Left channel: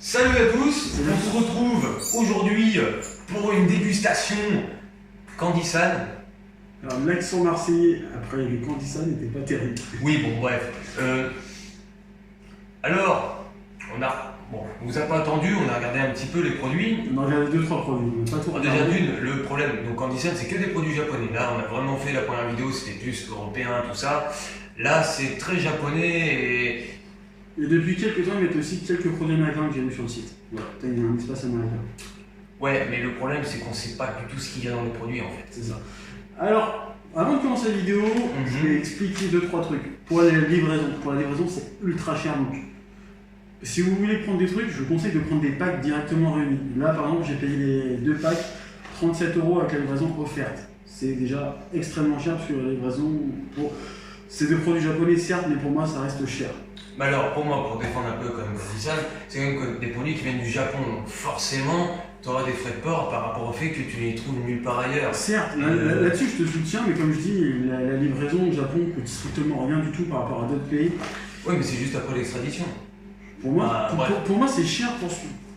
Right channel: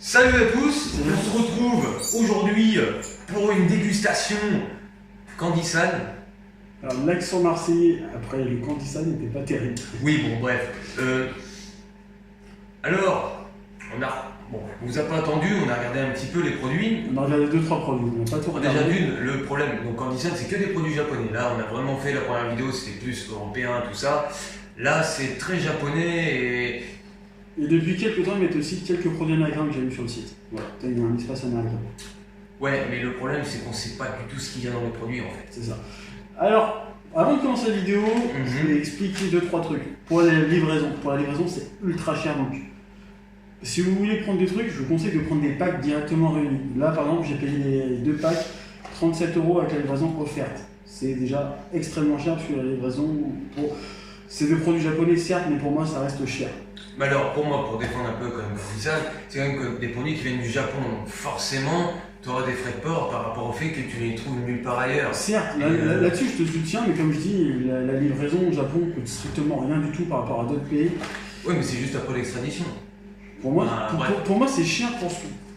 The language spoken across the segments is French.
Salut à tous, on se retrouve aujourd'hui pour une dégustation Candy-San. Alors l'accent marseillais après le Candy-San n'était pas terrible. Oui, bon bref. Alors, on vous a pas attendu, on a regardé un petit peu les produits. On a regardé 2-3 produits, on n'a pas tout regardé. Déjà d'une, le problème, donc Candy-San c'est que des produits japonais. Là on a vraiment fait la première vidéo, c'était plus européen, tout ça. Là c'est très japonais Et depuis quelques temps, ils mettent aussi quelques produits américains que j'ai vu sur le site. Voilà, il y a un espace américain. Ouais, mais le problème c'est qu'on sait pas du tout ce qu'il y a dans les produits en fait. C'est ça. Alors, avant de commencer la vidéo, je vais expliquer 2-3 trucs. Pour la livraison c'est ultra cher donc. Si vous voulez prendre des trucs, je vous conseille de prendre des packs directement réunis. Là par exemple, j'ai payé les 2 packs 37 € avec la livraison offerte. C'est déjà extrêmement cher sur la livraison. C'est des produits japonais certes, mais pour moi ça reste cher. Mais alors pour moi, pour défendre un peu quand même Candy-San, c'est quand même des produits qui viennent du Japon, donc forcément tu auras des frais de port par rapport au fait que tu les trouves nulle part ailleurs. Certes, là-dessus je te soutiens, mais comme je dis, la livraison au Japon coûte strictement rien du tout par rapport à d'autres pays. Oui, mais c'est juste après l'extradition. Pour moi, pour moi c'est cher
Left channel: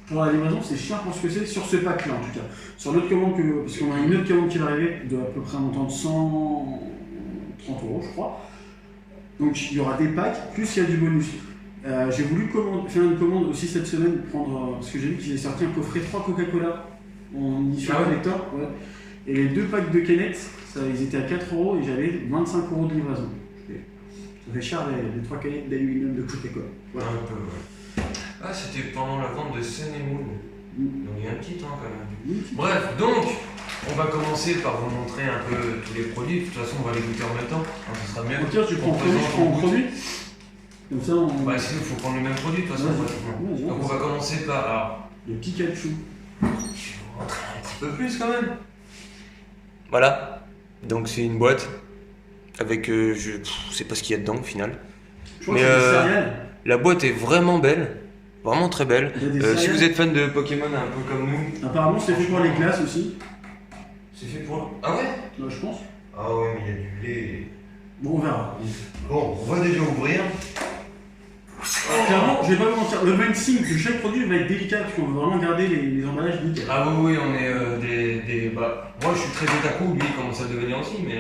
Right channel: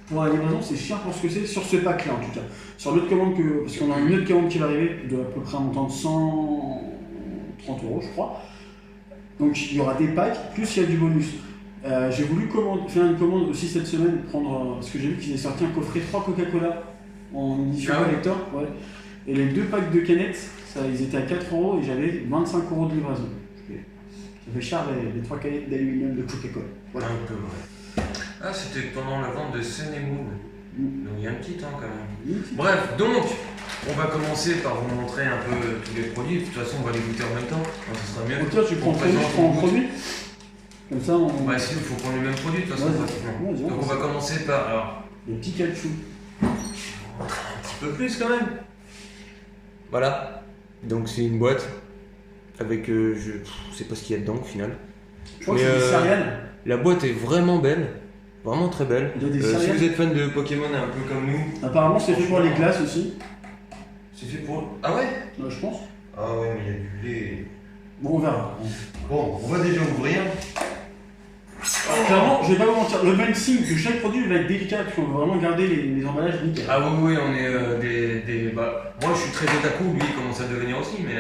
pour la livraison, c'est cher pour ce que c'est, sur ce pack-là en tout cas. Sur l'autre commande, parce qu'on a une autre commande qui va arriver de à peu près un montant de 130 € je crois. Donc il y aura des packs, plus il y a du bonus. J'ai voulu faire une commande aussi cette semaine, parce que j'ai vu qu'ils avaient sorti un coffret 3 Coca-Cola en édition collector. Ouais. Et les 2 packs de canettes, ils étaient à 4 € et j'avais 25 € de livraison. Ça fait cher les 3 canettes d'aluminium de Coca-Cola. Voilà. Un peu, ouais. Ah, c'était pendant la vente de Sun et Moon. Donc il y a un petit temps quand même. Bref, donc, on va commencer par vous montrer un peu tous les produits. De toute façon, on va les goûter en même temps. Donc, ce sera mieux. Ok, tu prends en produit. Comme ça, on... Ouais, sinon, il faut prendre le même produit de toute façon, pratiquement. Donc, on va commencer par... Alors, le Pikachu. Je vais vous montrer un petit peu plus quand même. Voilà. Donc, c'est une boîte avec... je sais pas ce qu'il y a dedans au final. Je crois que c'est des céréales. La boîte est vraiment belle. Vraiment très belle. Si vous êtes fan de Pokémon un peu comme nous... Apparemment c'est fait pour les glaces aussi. C'est fait pour... Ah ouais? Je pense. Ah ouais, mais il y a du lait. Bon, on verra. Bon, on va déjà ouvrir. Clairement, je vais pas vous mentir, le unboxing de chaque produit va être délicat parce qu'on veut vraiment garder les emballages nickel. Ah oui, on est moi je suis très otaku, lui il commence à devenir aussi, mais...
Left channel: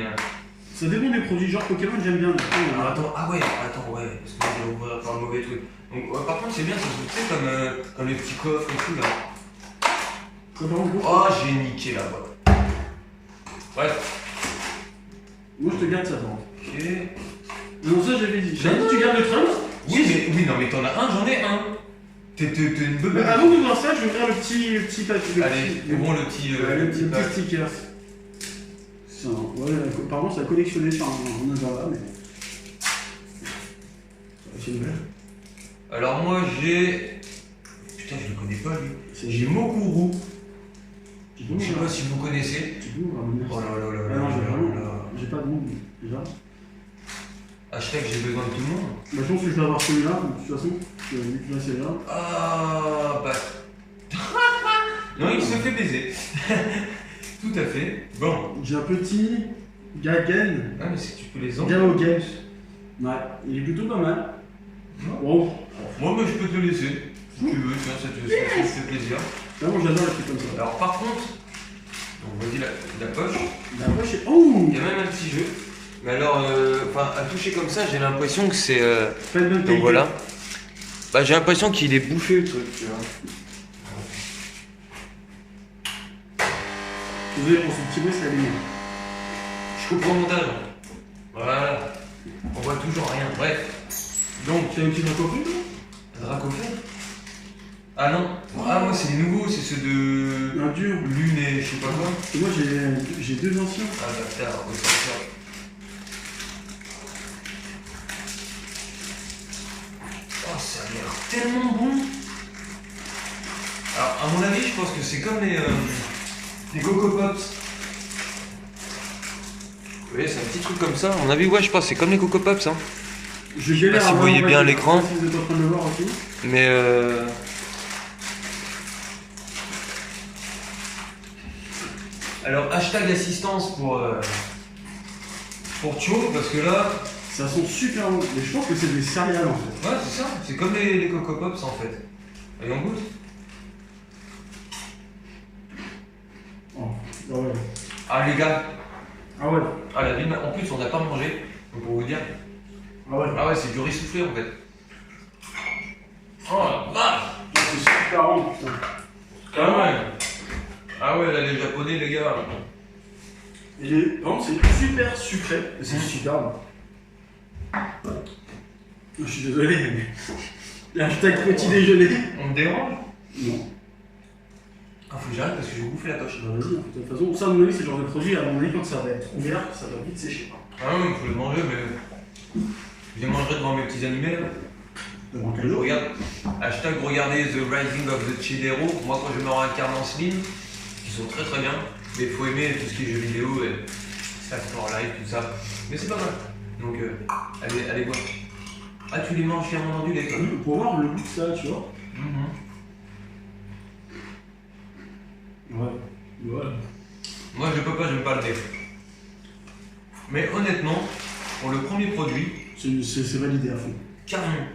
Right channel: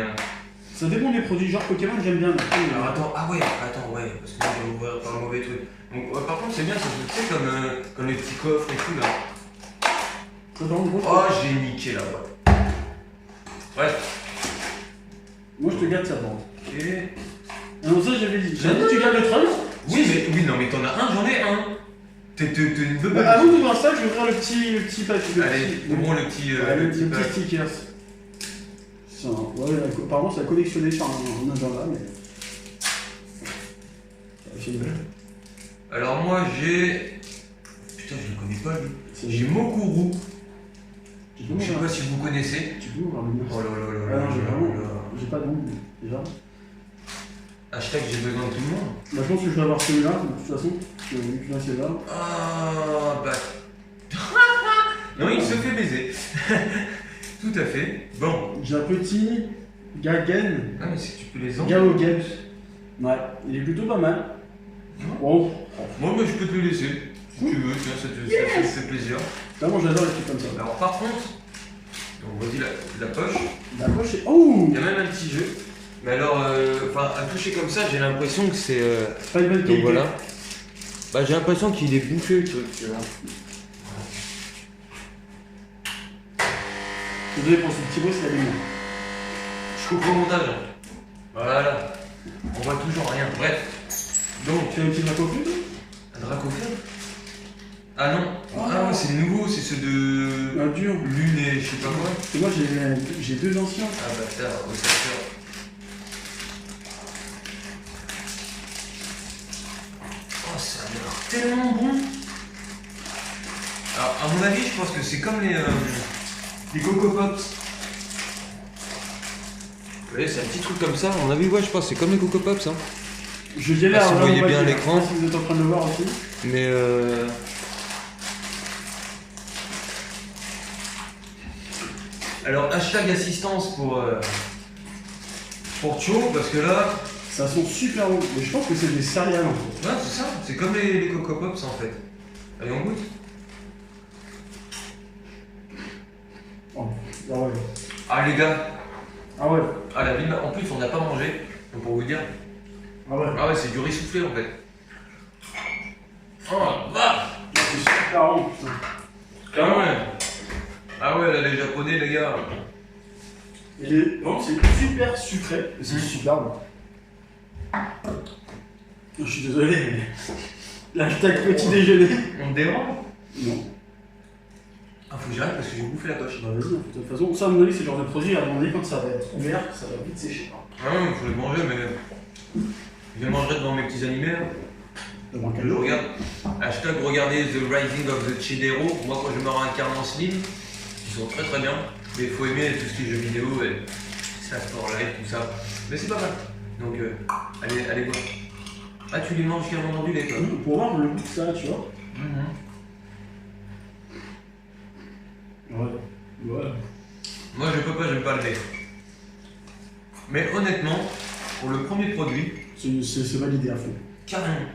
Ça dépend des produits, genre Pokémon j'aime bien. Alors attends, parce que je vais ouvrir par le mauvais truc. Donc par contre c'est bien, c'est comme les petits coffres et tout là. Oh, j'ai niqué la boîte. Bref. Moi je te garde ça par contre. Ok. Non, ça j'avais dit. J'avais dit tu gardes le train. Oui, non mais t'en as un, j'en ai un. T'es une beuh. Avant d'ouvrir ça, je vais ouvrir le petit papier. Allez, ouvrons le petit sticker. Ouais, apparemment ça a collectionné sur un agenda, mais... C'est une Alors moi j'ai... Putain, je le connais pas lui. J'ai Mokuru. Je sais pas si vous connaissez. Tu peux ouvrir le mien. Oh là là là. Ah non, j'ai pas de nom déjà. Hashtag j'ai besoin de tout le monde. Bah, je pense que je vais avoir celui-là, de toute façon. Vu que là c'est là. Ah bah... Non, il se fait baiser. Tout à fait. Bon. J'ai un petit Gagen. Ah mais si tu peux les enlever. Gao Games. Ouais, il est plutôt pas mal. Wow. Moi je peux te le laisser. Si tu veux, tiens, ça te fait plaisir. Vraiment j'adore les trucs comme ça. Alors par contre, donc voici la poche. La poche est... Oh. Il y a même un petit jeu. Mais alors, à toucher comme ça, j'ai l'impression que c'est... Pas une bonne qualité. Voilà. Bah j'ai l'impression qu'il est bouché le truc, tu vois. Désolé pour ce petit bruit, c'est la lumière. Je coupe au montage. Voilà. On voit toujours rien. Bref. Donc. Tu as un petit dracofeu? Un dracofeu? Ah non. Ah moi c'est nouveau, c'est ceux de... Un dur. Lune et je sais pas quoi. Et moi j'ai 2 anciens. Ah bâtard, au sortir. Oh ça a l'air tellement bon. Alors à mon avis je pense que c'est comme les Coco Pops. Vous voyez, c'est un petit truc comme ça. À mon avis, ouais, je pense que c'est comme les Coco Pops. Hein. Je galère si vous voyez bien l'écran. Si vous êtes en train de le voir aussi. Mais alors, hashtag assistance pour Cho, parce que là... Ça sent super bon. Mais je pense que c'est des céréales en fait. Ouais, c'est ça. C'est comme les Coco Pops en fait. Allez, on goûte. Oh, ah ouais. Ah les gars. Ah ouais. Ah la ville, en plus on n'a pas mangé, donc pour vous dire. Ah ouais. Ah ouais, c'est du riz soufflé en fait. Oh la vache. C'est super bon, putain. Ah ouais. Ah ouais, là les japonais les gars. Non, c'est super sucré, et c'est super bon. Je suis désolé, mais... Hashtag petit déjeuner. On te dérange? Non. Ah faut que j'arrête parce que je vais bouffer la poche. Bah vas-y, de toute façon, ça à mon avis c'est le genre de produit, à mon avis quand ça va être ouvert, ça va vite sécher. Ah ouais, il faut le manger, mais... Je les mangerai devant mes petits animés là. Devant quel Je jour? regarde. Hashtag regardez The Rising of the Chidero. Moi quand je me réincarne en Slim, ils sont très très bien. Mais il faut aimer tout ce qui est jeux vidéo et ça sport live, tout ça. Mais c'est pas mal. Donc allez voir. Ah tu les manges fièrement dans du lait toi. Pour voir le goût de ça, tu vois. Ouais. Moi je peux pas, j'aime pas le lait. Mais honnêtement, pour le premier produit, C'est validé à fond. carrément.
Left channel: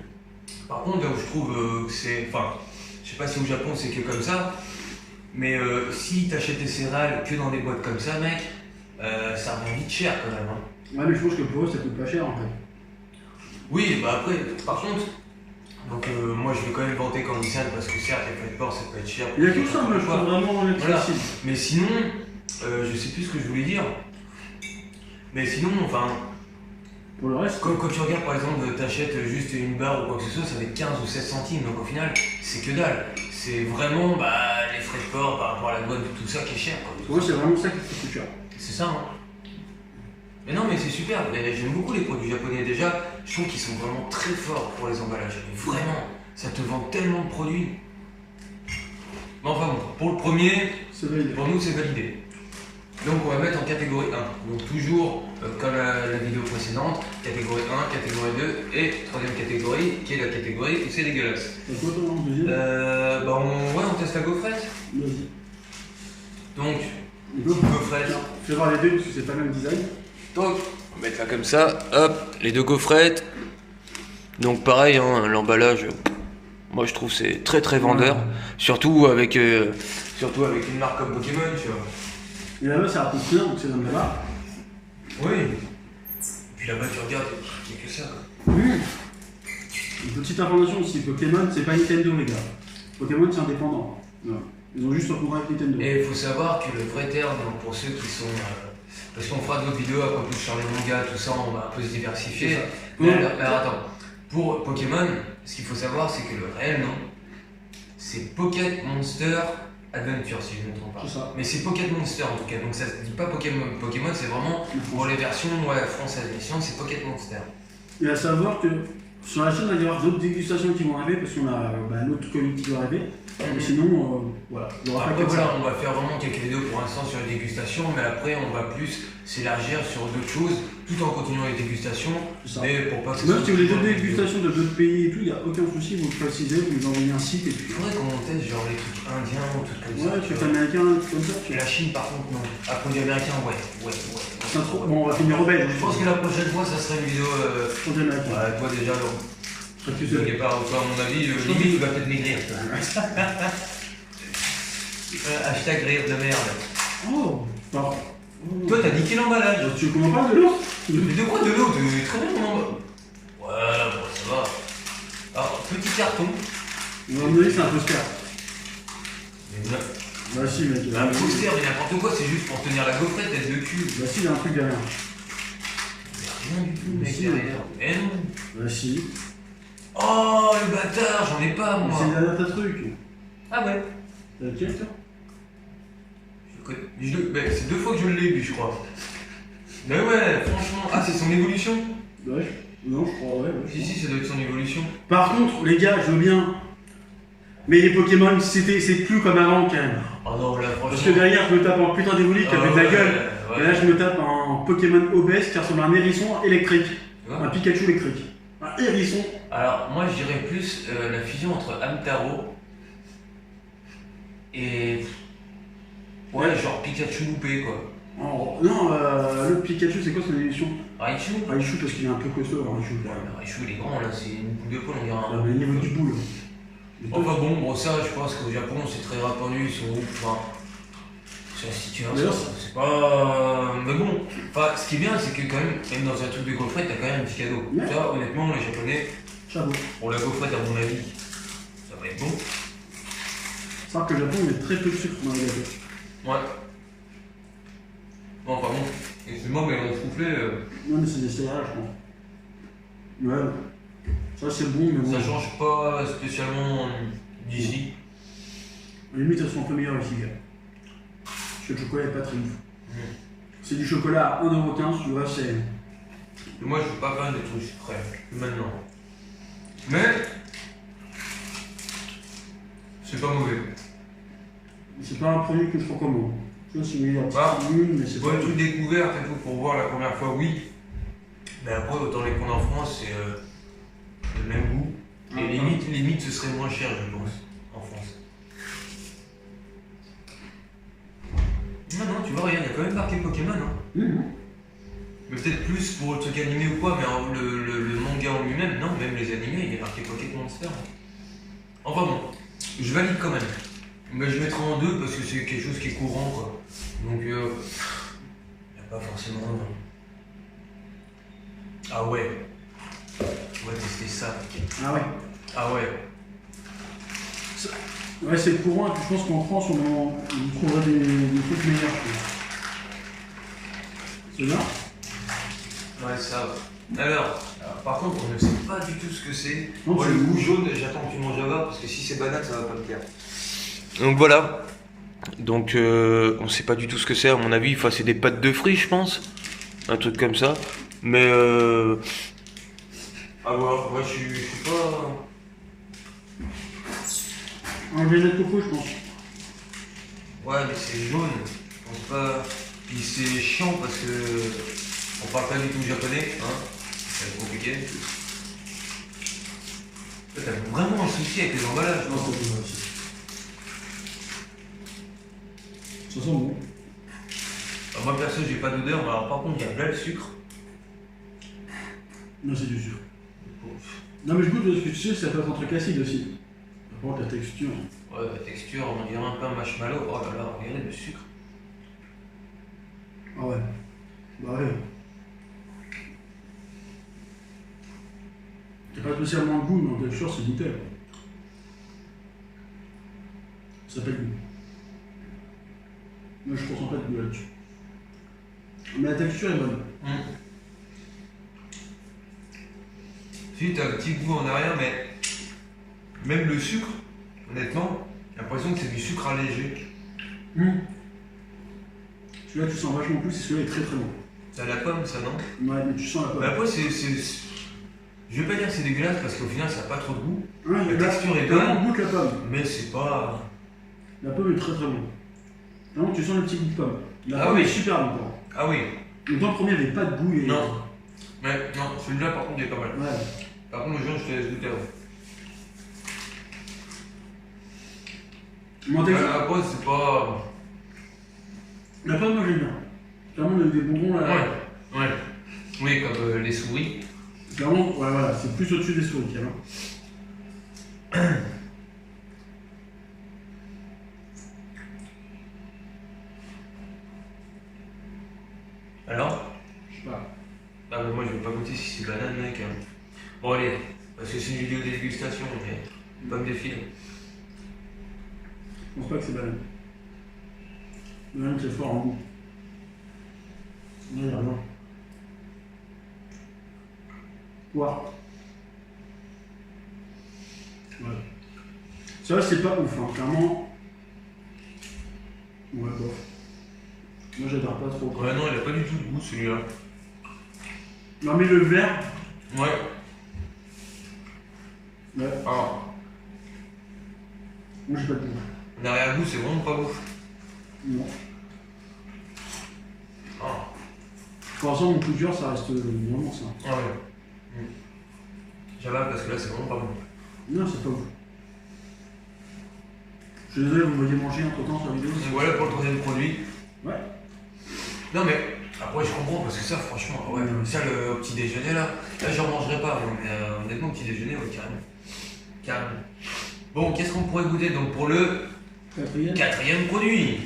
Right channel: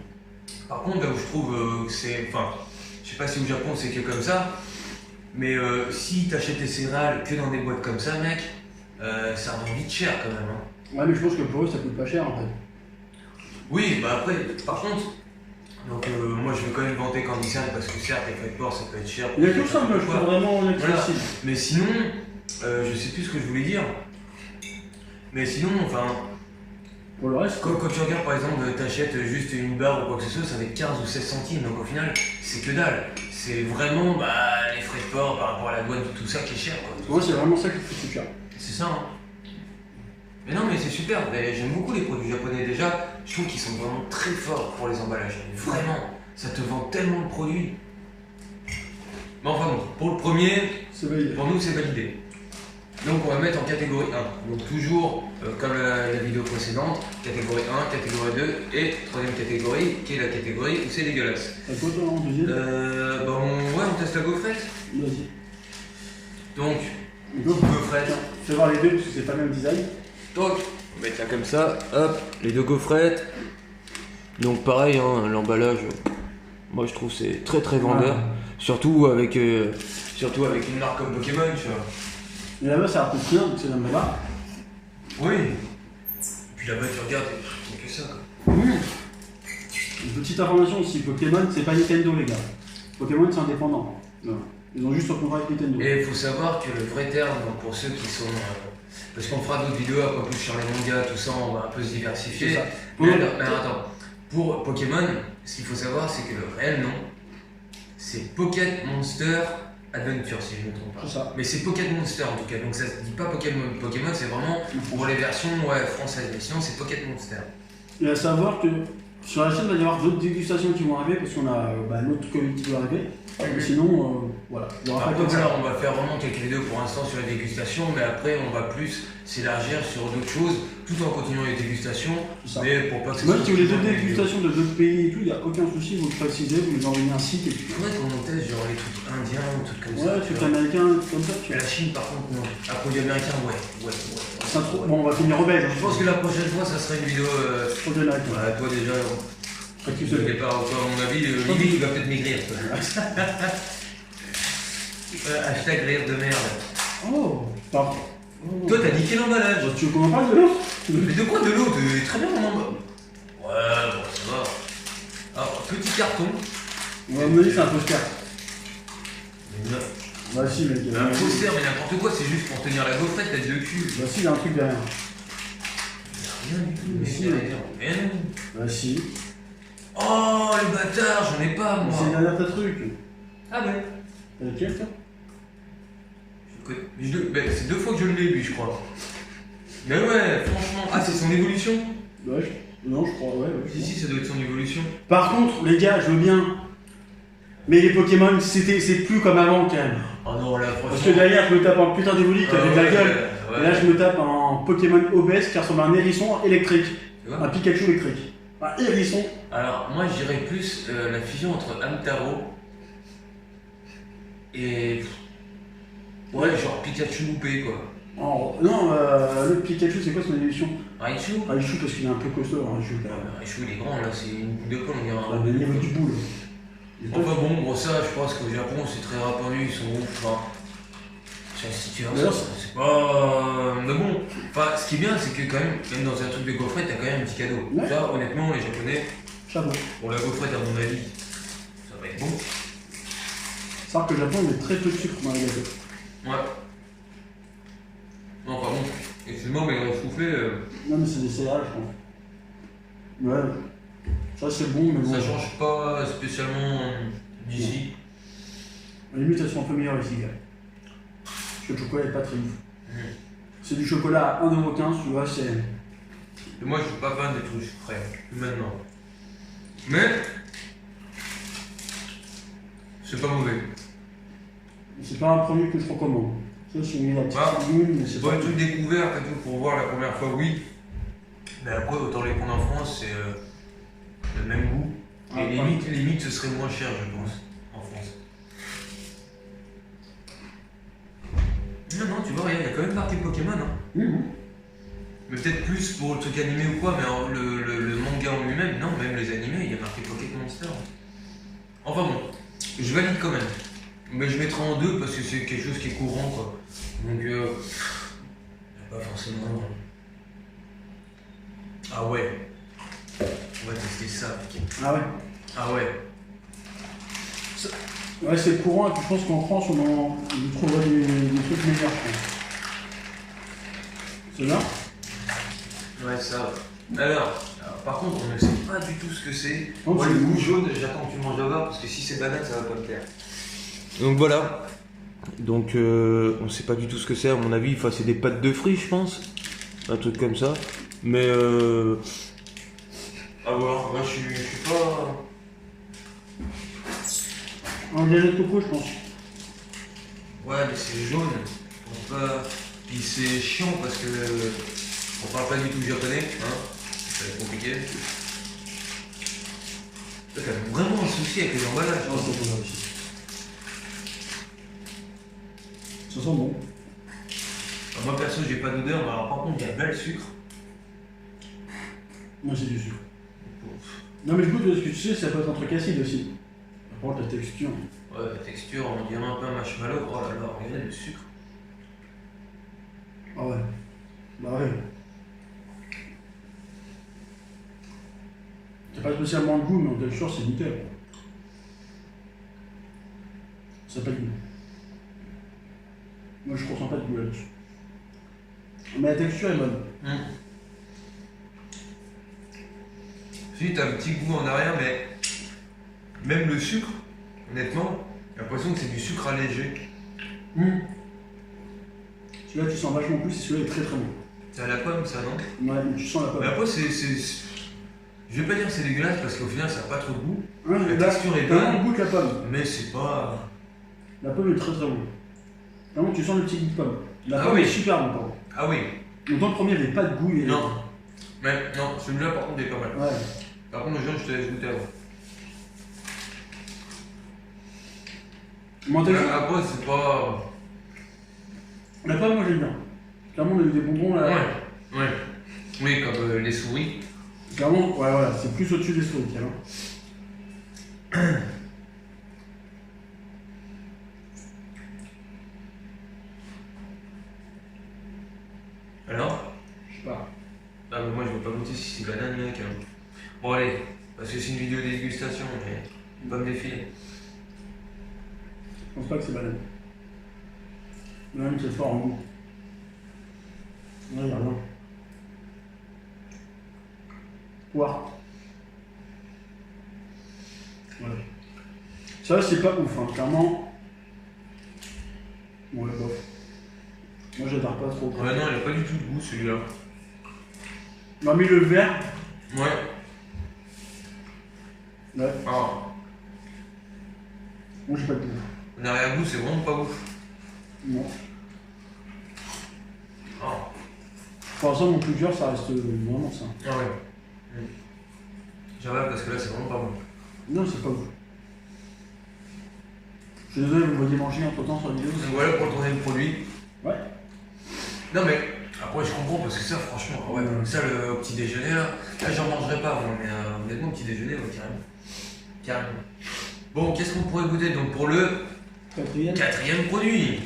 Par contre, là où je trouve que c'est. Enfin, je sais pas si au Japon c'est que comme ça, mais si t'achètes tes céréales que dans des boîtes comme ça, mec, ça revient vite cher quand même. Hein. Ouais, mais je pense que pour eux ça coûte pas cher en fait. Oui, bah après, par contre, donc moi je vais quand même vanter Candysan parce que certes, les frais de port ça peut être cher. Il y a que ça, moi je trouve vraiment voilà. accessible. Mais sinon, je sais plus ce que je voulais dire. Mais sinon, enfin. Pour le reste, Quand tu regardes par exemple, t'achètes juste une barre ou quoi que ce soit, ça va être 15 ou 16 centimes, donc au final, c'est que dalle. C'est vraiment les frais de port par rapport à la douane, tout ça qui est cher. Quoi. moi c'est vraiment ça qui coûte cher. C'est ça, hein. Mais non, mais c'est super. J'aime beaucoup les produits japonais déjà. Je trouve qu'ils sont vraiment très forts pour les emballages. Mais vraiment, ça te vend tellement de produits. Mais enfin bon, pour le premier, C'est validé. pour nous c'est validé. Donc on va mettre en catégorie 1. Donc toujours comme la vidéo précédente, catégorie 1, catégorie 2 et troisième catégorie qui est la catégorie où c'est dégueulasse. T'as quoi toi en deuxième? On teste la gaufrette. Vas-y. Donc, Go. gaufrette. Tiens, fais voir les deux parce que c'est pas le même design. Donc, on va mettre ça comme ça. Hop, les deux gaufrettes. Donc pareil, hein, l'emballage, moi je trouve c'est très très vendeur. Ouais. Surtout avec une marque comme Pokémon, tu vois. Et là-bas ça rapporte rien, donc c'est dans là-bas. Oui. Et puis là-bas tu regardes, il n'y a que ça quoi. Une petite information aussi, Pokémon c'est pas Nintendo les gars. Pokémon c'est indépendant. Non. Ils ont juste un contrat avec Nintendo. Et il faut savoir que le vrai terme, donc pour ceux qui sont. Parce qu'on fera d'autres vidéos après plus sur les mangas, tout ça, on va un peu se diversifier. C'est ça. Mais alors, attends, pour Pokémon, ce qu'il faut savoir, c'est que le réel nom, c'est Pocket Monster Adventure, si je ne me trompe pas. C'est ça. Mais c'est Pocket Monster en tout cas, donc ça se dit pas Pokémon. Pokémon, c'est vraiment pour les versions françaises, mais sinon c'est Pocket Monster. Et à savoir que sur la chaîne, il va y avoir d'autres dégustations qui vont arriver parce qu'on a notre colis qui va arriver. Sinon, voilà. Il y aura Après, pas que voilà, ça. on va faire vraiment quelques vidéos pour l'instant sur les dégustations, mais après on va plus s'élargir sur d'autres choses tout en continuant les dégustations. C'est ça. Mais pour pas que ce Même soit si vous voulez toujours d'autres des vidéos. dégustations de d'autres pays et tout, il n'y a aucun souci, vous le précisez, vous les envoyez un site et puis. Il faudrait qu'on teste genre les trucs indiens ou trucs comme ça. Ouais, tu trucs vois. américains, comme ça. Tu Mais vois. la Chine par contre non. Ah, produits américains, ouais. Ça, bon, on va finir au belge. Je pense que la prochaine fois ça serait une vidéo. Produits américains. Toi déjà, Fait que tu c'est- n'es pas à mon avis, limite tu vas peut-être maigrir. Toi. Hashtag rire de merde. Oh, pardon. Toi t'as niqué l'emballage. Tu veux qu'on en parle de l'autre? Mais de quoi de l'eau? Très bien mon emballage. Ouais, bon ça va. Alors, petit carton. À mon avis, c'est un poster. Mais non. Bah si, mec. Un poster, mais n'importe quoi, c'est juste pour tenir la gaufrette, tête de cul. Bah si, il y a un truc derrière. Rien du tout, mec, Si. derrière. Mais non. Bah si. Oh, le bâtard, j'en ai pas, moi. C'est derrière ta truc. Ah ouais. T'as lequel, toi? C'est 2 fois que je l'ai, lui, je crois. Mais ouais, franchement. Ah, c'est son évolution? Ouais, non, je crois, ouais. Si, ça doit être son évolution. Par contre, les gars, je veux bien. Mais les Pokémon, c'est plus comme avant, quand même. Oh non, là, franchement. Parce que derrière, je me tape un putain d'évolu qui avait de la gueule. Ouais. Et là, je me tape un Pokémon obèse qui ressemble à un hérisson électrique. Tu vois. Un Pikachu électrique. Un hérisson. Alors, moi, je dirais plus la fusion entre Hamtaro et. Ouais, genre Pikachu loupé, quoi. Oh, non, le Pikachu, c'est quoi son évolution? Raichu? Raichu, parce qu'il est un peu costaud, Raichu. Ouais, mais Raichu, il est grand, là, c'est une boule de poil, on dirait Ah, un. mais il y avait du boule. Enfin bon, ça je pense qu'au Japon c'est très répandu, ils sont ouf. Enfin, c'est la situation, c'est pas. Mais bon, enfin, ce qui est bien c'est que quand même dans un truc de gaufrette, t'as quand même un petit cadeau. Ouais. Ça, honnêtement, les Japonais, chapeau. Pour la gaufrette, à mon avis, ça va être bon. C'est vrai que le Japon, il met très peu de sucre dans les gâteaux. Ouais. Non, pardon. Excuse-moi, mais on soufflait. Non, mais c'est des céréales, je pense. Ouais. Ça, c'est bon, mais bon. Ça change pas spécialement d'ici. À la limite, elles sont un peu meilleures ici, gars. Parce que le chocolat est pas très ouf. C'est du chocolat à 1,15€, tu vois, c'est. Et moi, je suis pas fan des trucs sucrés, maintenant. Mais. C'est pas mauvais. C'est pas un produit que je recommande. Ça, c'est une petite lune, mais c'est pas un truc découvert, et tout, pour voir la première fois, oui. Mais après, autant les prendre en France, c'est le même goût. Et limite, ce serait moins cher, je pense, en France. Non, tu vois, regarde, il y a quand même marqué Pokémon. Hein. Mais peut-être plus pour le truc animé ou quoi, mais le manga en lui-même, non, même les animés, il y a marqué Pokémon Monster. Enfin bon, je valide quand même. Mais je mettrai en 2 parce que c'est quelque chose qui est courant, quoi. Donc, il n'y a pas forcément. Ah ouais. On va tester ça. Ah ouais. Ah ouais. Ouais, c'est courant, et puis je pense qu'en France, on trouvera des trucs meilleurs, je pense. C'est là? Ouais, ça. Alors, par contre, on ne sait pas du tout ce que c'est. Moi, le goût jaune, j'attends que tu manges là-bas, parce que si c'est banane, ça va pas me plaire. Donc voilà. Donc, on ne sait pas du tout ce que c'est, à mon avis. Enfin, c'est des pâtes de fruits, je pense. Un truc comme ça. Mais, à voir. Moi, je suis pas. Un gâteau de coco, je pense. Ouais, mais c'est jaune. Je pense pas. Puis c'est chiant parce que. On parle pas du tout japonais, hein. Ça va être compliqué. T'as vraiment un souci avec les emballages. Non, c'est pas aussi. Ça sent bon. Alors moi perso, j'ai pas d'odeur, mais alors, par contre, il y a plein de sucre. Non, c'est du sucre. Non, mais je goûte ce que tu sais, ça peut être un truc acide aussi. Par contre, la texture. Ouais, la texture, on dirait un peu un marshmallow. Oh là là, regardez le sucre. Ah ouais. Bah ouais. T'as pas spécialement de goût, mais en texture, c'est nickel. Ça n'a pas de goût. Moi, je ressens pas de goût là-dessus. Mais la texture est bonne. Si, t'as un petit goût en arrière, mais même le sucre, honnêtement, j'ai l'impression que c'est du sucre allégé. Celui-là, tu sens vachement plus, et celui-là est très très bon. C'est à la pomme, ça, non? Ouais, mais tu sens la pomme. Mais après, je vais pas dire que c'est dégueulasse parce qu'au final, ça n'a pas trop de goût. Ouais, la texture est bonne. On goûte la pomme. Mais c'est pas. La pomme est très très bonne. Vraiment, tu sens le petit goût de pomme. La pomme est super bonne, par contre. Ah oui. Le temps premier avait pas de goût. Non. Mais non, celui-là, par contre, il est pas mal. Ouais. Par contre, le jaune, je te laisse goûter avant. Après, c'est pas. La pomme, moi j'aime bien. Clairement, on a eu des bonbons là. Ouais. Oui, comme les souris. Clairement, ouais, voilà, c'est plus au-dessus des souris, tiens. Alors? Je sais pas. Ah, mais moi, je veux pas goûter si c'est banane, mec. Bon, allez, parce que c'est une vidéo de dégustation, mais pas me défiler. Je pense pas que c'est banane. Banane, c'est fort en goût. Ouais, y'a rien. Poire. Ouais. Ça, c'est pas ouf, hein, clairement. Ouais, bof. Moi, j'adore pas trop. Ouais, non, il a pas du tout de goût, celui-là. Non, mais le vert. Ouais. Ouais. Ah. Moi, j'ai pas de goût. En arrière-goût, c'est vraiment pas ouf. Non. Ah. Pour l'instant, mon coup de cœur, ça reste vraiment ça. Ah ouais. J'avale parce que là, c'est vraiment pas bon. Non, c'est pas ouf. Je suis désolé, vous me voyez manger entre temps sur la vidéo. Donc voilà pour le troisième produit. Ouais. Non mais, après je comprends parce que ça franchement, ouais, ça le petit déjeuner là j'en mangerai pas, mais honnêtement au petit déjeuner, ouais, carrément. Bon, qu'est-ce qu'on pourrait goûter donc pour le quatrième produit?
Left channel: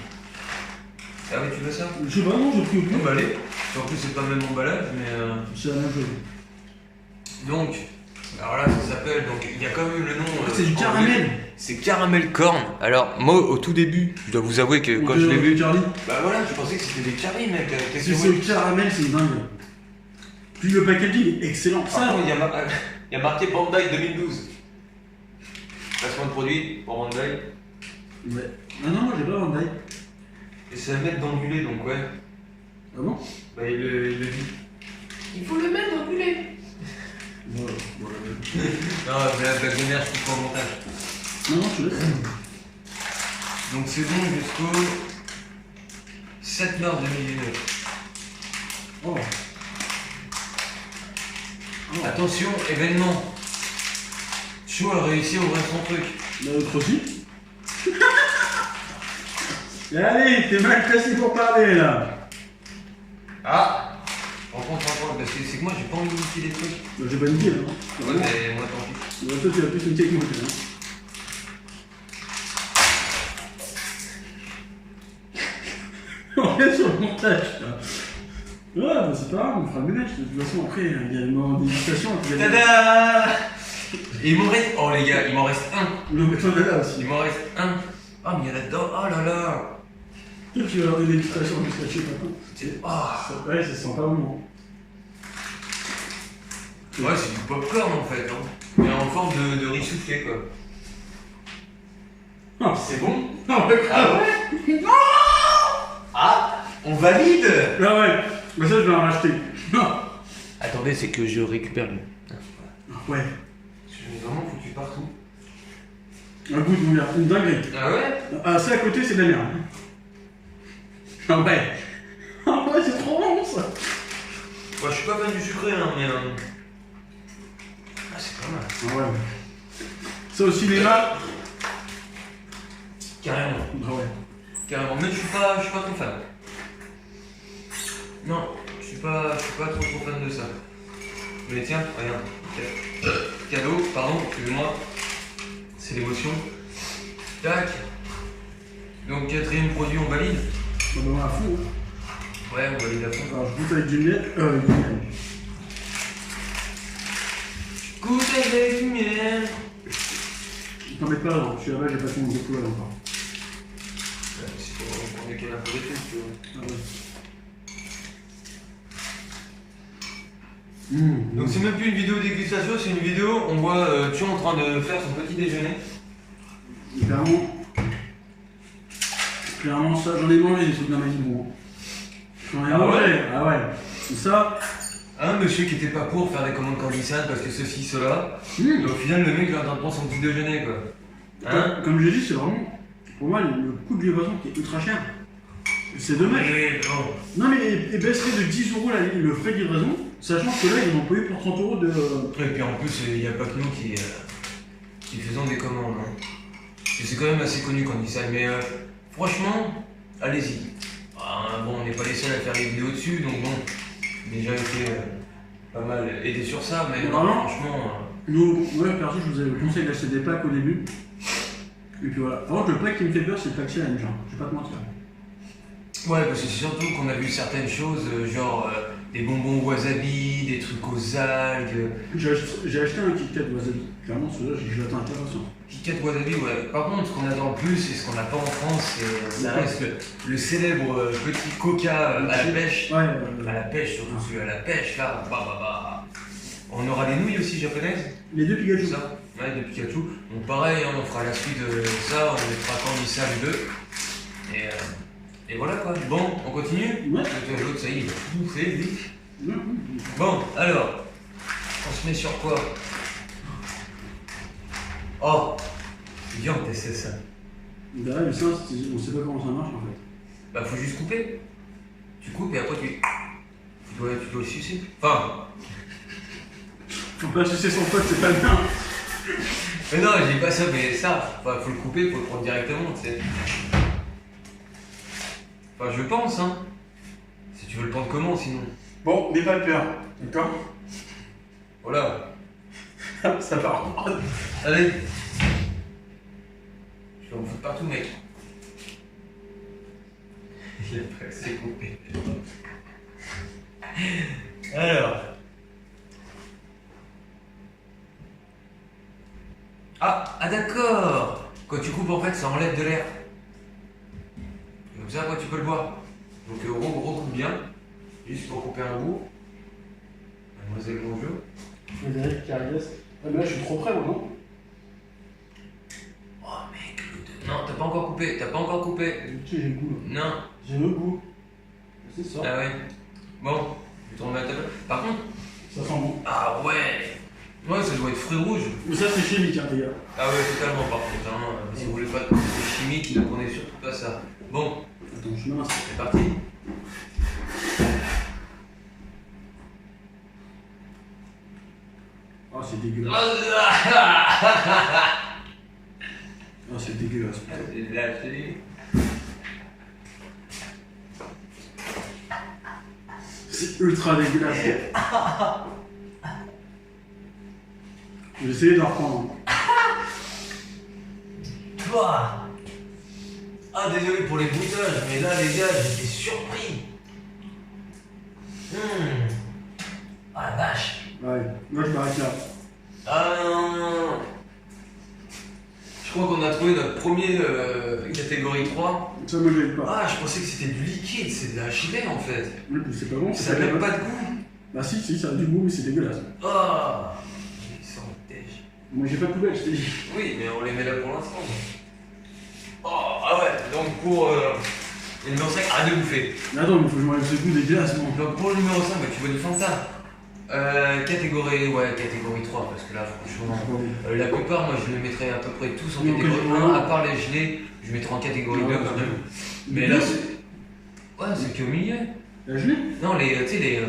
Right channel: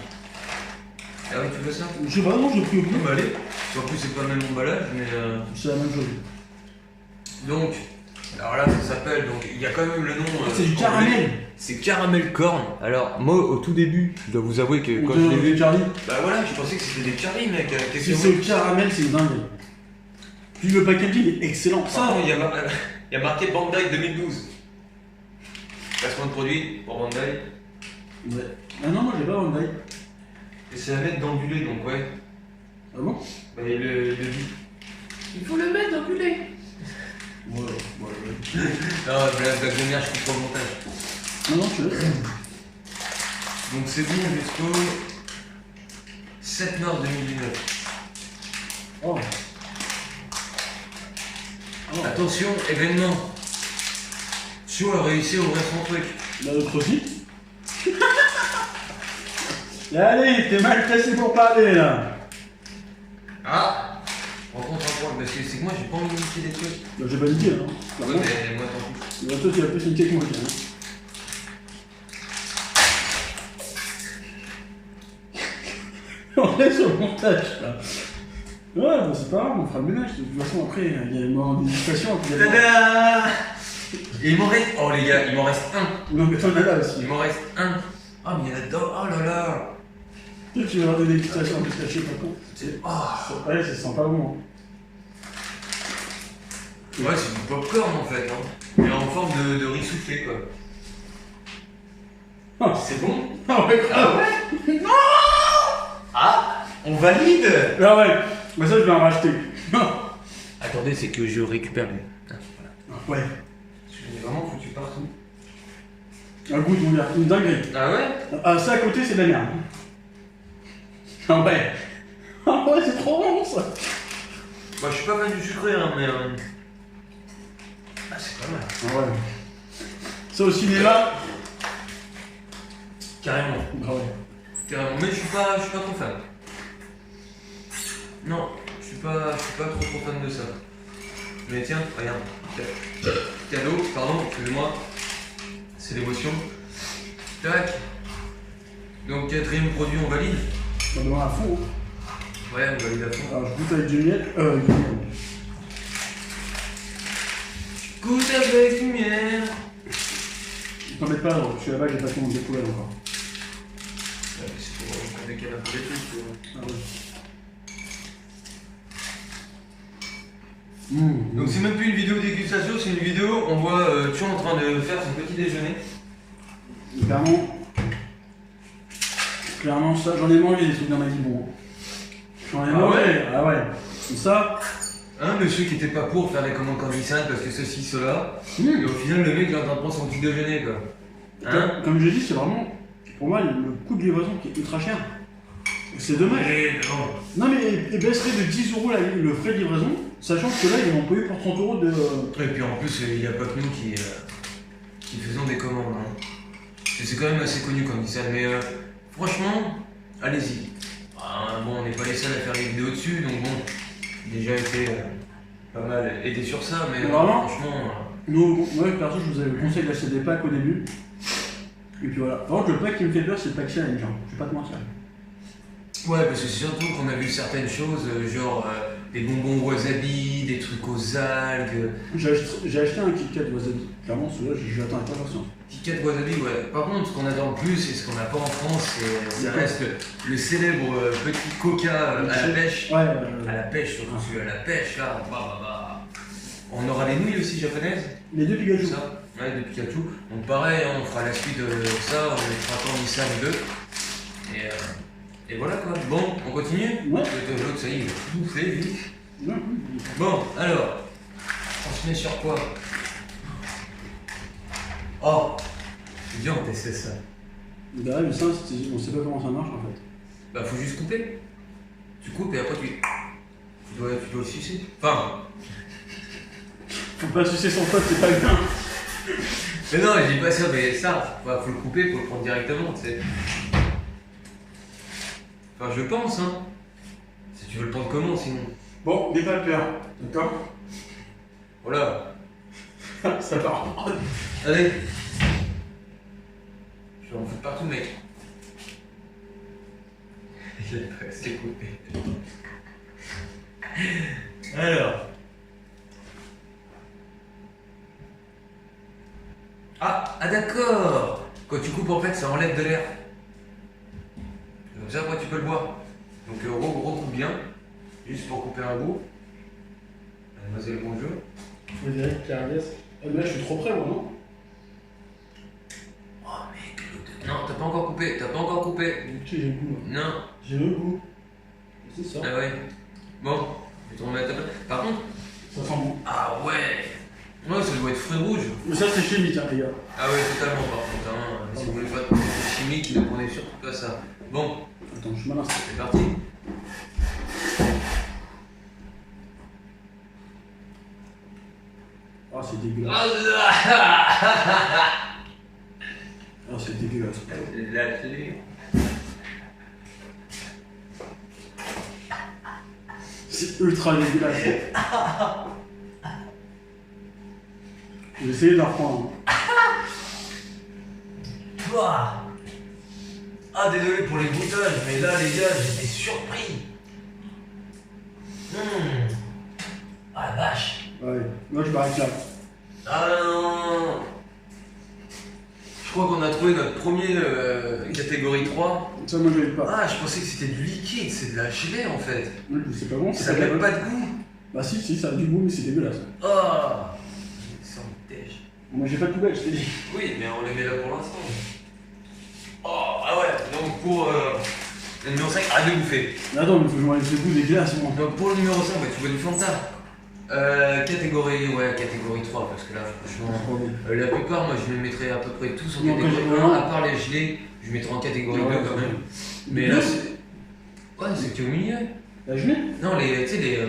Ah oui, tu veux ça? Je sais pas, non, j'ai pris au Oh, plus. bah allez. En plus, c'est pas le même emballage, mais. C'est la même chose. Donc, alors là, ça s'appelle. Donc, il y a quand même le nom. C'est du caramel. C'est caramel corn. Alors, moi, au tout début, je dois vous avouer que quand je l'ai vu. Charlie. Bah voilà, je pensais que c'était des Charlie, mec. Si c'est au caramel, c'est une dingue. Puis le packaging est excellent. Ça, il y a marqué Bandai 2012. Placement de produit pour Bandai. Ouais. Ah non, moi j'ai pas Bandai. Et c'est à mettre dans du lait, donc ouais. Ah bon? Bah, il le dit. Il faut le mettre dans du lait. Ouais. Non, la blague de merde, je coupe pas au montage. Non, tu laisses. Donc c'est bon jusqu'au 7 mars 2019. Oh. Attention, événement. Chou a réussi à ouvrir son truc. Bah, l'autre aussi. Allez, t'es mal placé pour parler là. Ah, rencontre un point, parce que c'est que moi j'ai pas envie de niquer des trucs. Bah, j'ai pas niqué là. Hein. Ouais, mais moi tant pis. Bah, toi, tu vas plus niquer que moi, quand même. On est sur le montage là. Ouais, bah c'est pas grave, on fera le ménage. De toute façon, après, il y a le moment d'hésitation. Tada! Et il m'en reste. Oh les gars, il m'en reste un. Non, mais t'en as là aussi. Il m'en reste un. Ah, mais il y en a dedans. Oh là là. Peut-être que tu vas avoir une hésitation en plus cachée, pas con. Ah. Ouais, ça sent pas bon. Ouais, c'est du popcorn en fait. Hein. Mais en forme de riz soufflé quoi. Ah. C'est bon? Ah ouais, Ah ouais? Non! Ah, on valide! Ah ouais, mais ça je vais en racheter. Attendez, c'est que je récupère les. Ouais. Je l'ai vraiment foutu partout. Un goût de mon gars, une dinguerie. Ah ouais? Ah, ça à côté c'est de la merde. Ah ouais. Ah ouais, c'est trop bon ça. Moi je suis pas fan du sucré, hein, mais. Ah, c'est pas mal. Ah ouais. Ça au cinéma. Carrément. Ah ouais. Carrément. Mais je suis pas trop fan. Non, je suis pas trop fan de ça. Mais tiens, regarde. Cadeau, pardon, excusez-moi. C'est l'émotion. Tac. Donc quatrième produit, on valide. On va à fond. Hein. Ouais, on valide à fond. Alors je goûte avec du miel. Du miel. Goûte avec du miel. T'en mets pas, je suis là-bas, j'ai pas tout découvert encore. C'est pour décaler un peu les trucs, tu vois. Ah ouais. Donc c'est même plus une vidéo dégustation, c'est une vidéo, on voit Tchou en train de faire son petit déjeuner. Clairement ça, j'en ai mangé des trucs dans ma vie, bon. J'en ai mangé, ouais. Ah ouais. Et ça. Un monsieur qui était pas pour faire des commandes candissantes parce que ceci, cela. Et au final, le mec il est en train de prendre son petit déjeuner quoi. Hein? Comme j'ai dit, c'est vraiment, pour moi, le coût de livraison qui est ultra cher. C'est dommage. Bon. Non mais il baisserait de 10 € le frais de livraison, sachant que là ils en ont payé pour 30 € de. Et puis en plus, il n'y a pas que nous qui faisons des commandes. Hein. Et c'est quand même assez connu Candysan, mais franchement, allez-y. Bon, on n'est pas les seuls à faire des vidéos dessus, donc bon, déjà été pas mal aidé sur ça, mais vraiment, franchement. Nous, moi perso, je vous avais conseillé d'acheter des packs au début. Et puis voilà. Par contre, le pack qui me fait peur, c'est le pack challenge, hein. Je vais pas te mentir. Ouais, parce que c'est surtout qu'on a vu certaines choses, genre des bonbons wasabi, des trucs aux algues. J'ai acheté un Kit Kat wasabi. Clairement, celui-là, je l'attends avec impatience. Kit Kat wasabi, ouais. Par contre, ce qu'on attend le plus et ce qu'on n'a pas en France, ça reste le célèbre petit coca à la pêche. Ouais, à la pêche, surtout celui à la pêche, là. On aura les nouilles aussi japonaises. Les deux Pikachu. Ça. Ouais, de Pikachu. Donc pareil, hein, on fera la suite de ça, on mettra Candysan 2. Et voilà quoi. Bon, on continue. Ouais. L'autre, ça y est, il va tout bouffer, lui. Ouais. Bon, alors, on se met sur quoi? Oh, c'est bien, on testait ça. Derrière, mais ça, on sait pas comment ça marche en fait. Bah, faut juste couper. Tu coupes et après tu dois le sucer. Enfin. Faut pas sucer son pote, c'est pas bien. Mais non, je dis pas ça, mais ça, bah, faut le couper, faut le prendre directement, tu sais. Enfin, je pense, hein. Si tu veux le prendre comment, sinon. Bon, n'aie pas peur, d'accord? Voilà. Ça part. Allez. Tu vas en foutre partout, mec. Il a presque coupé. Alors. Ah d'accord. Quand tu coupes en fait ça enlève de l'air. Comme ça après tu peux le voir. Donc recoupe bien. Juste pour couper un bout. Mademoiselle bonjour. Frédéric Carriès. Ah mais là je suis trop près moi non? Oh mec, non t'as pas encore coupé, t'as pas encore coupé. Tu sais j'ai le goût là. Non. J'ai le goût. C'est ça. Ah ouais. Bon, je vais tourner la table. Par contre. Ça sent bon. Ah ouais. Ouais, ça doit être fruits rouges. Mais ça c'est chimique hein les gars. Ah ouais, totalement par contre. Hein. Si vous voulez pas de produits chimiques, ne prenez surtout pas ça. Bon. Attends, je suis malin. C'est parti. Ah c'est dégueulasse. Ah c'est dégueulasse. Là, je te dis. C'est ultra dégueulasse. Je vais essayer de la reprendre. Toi. Ah désolé pour les bruitages, mais là les gars, j'étais surpris. Ah la vache. Ouais, moi je m'arrête là. Je crois qu'on a trouvé notre premier catégorie 3. Ça moi je l'aime pas. Ah, je pensais que c'était du liquide, c'est de la gelée en fait. Oui, mais c'est pas bon, Ça n'a pas de goût. Bah si, ça a du goût, mais c'est dégueulasse. Ah, ils sont dèche. Moi j'ai pas de poubelle, je t'ai dit. Oui, mais on les met là pour l'instant. Oh, ah ouais, donc pour le numéro 5, arrête de bouffer. Mais attends, mais faut que je m'enlève ce goût dégueulasse, moi. Donc pour le numéro 5, bah, tu bois du Fanta. Catégorie 3, parce que là, franchement, la plupart, moi je les mettrais à peu près tous en catégorie 1, à part les gelés, je mettrais en catégorie 2 quand même. Mais là, c'est. Ouais, c'est qu'au milieu. La gelée? Non, tu sais,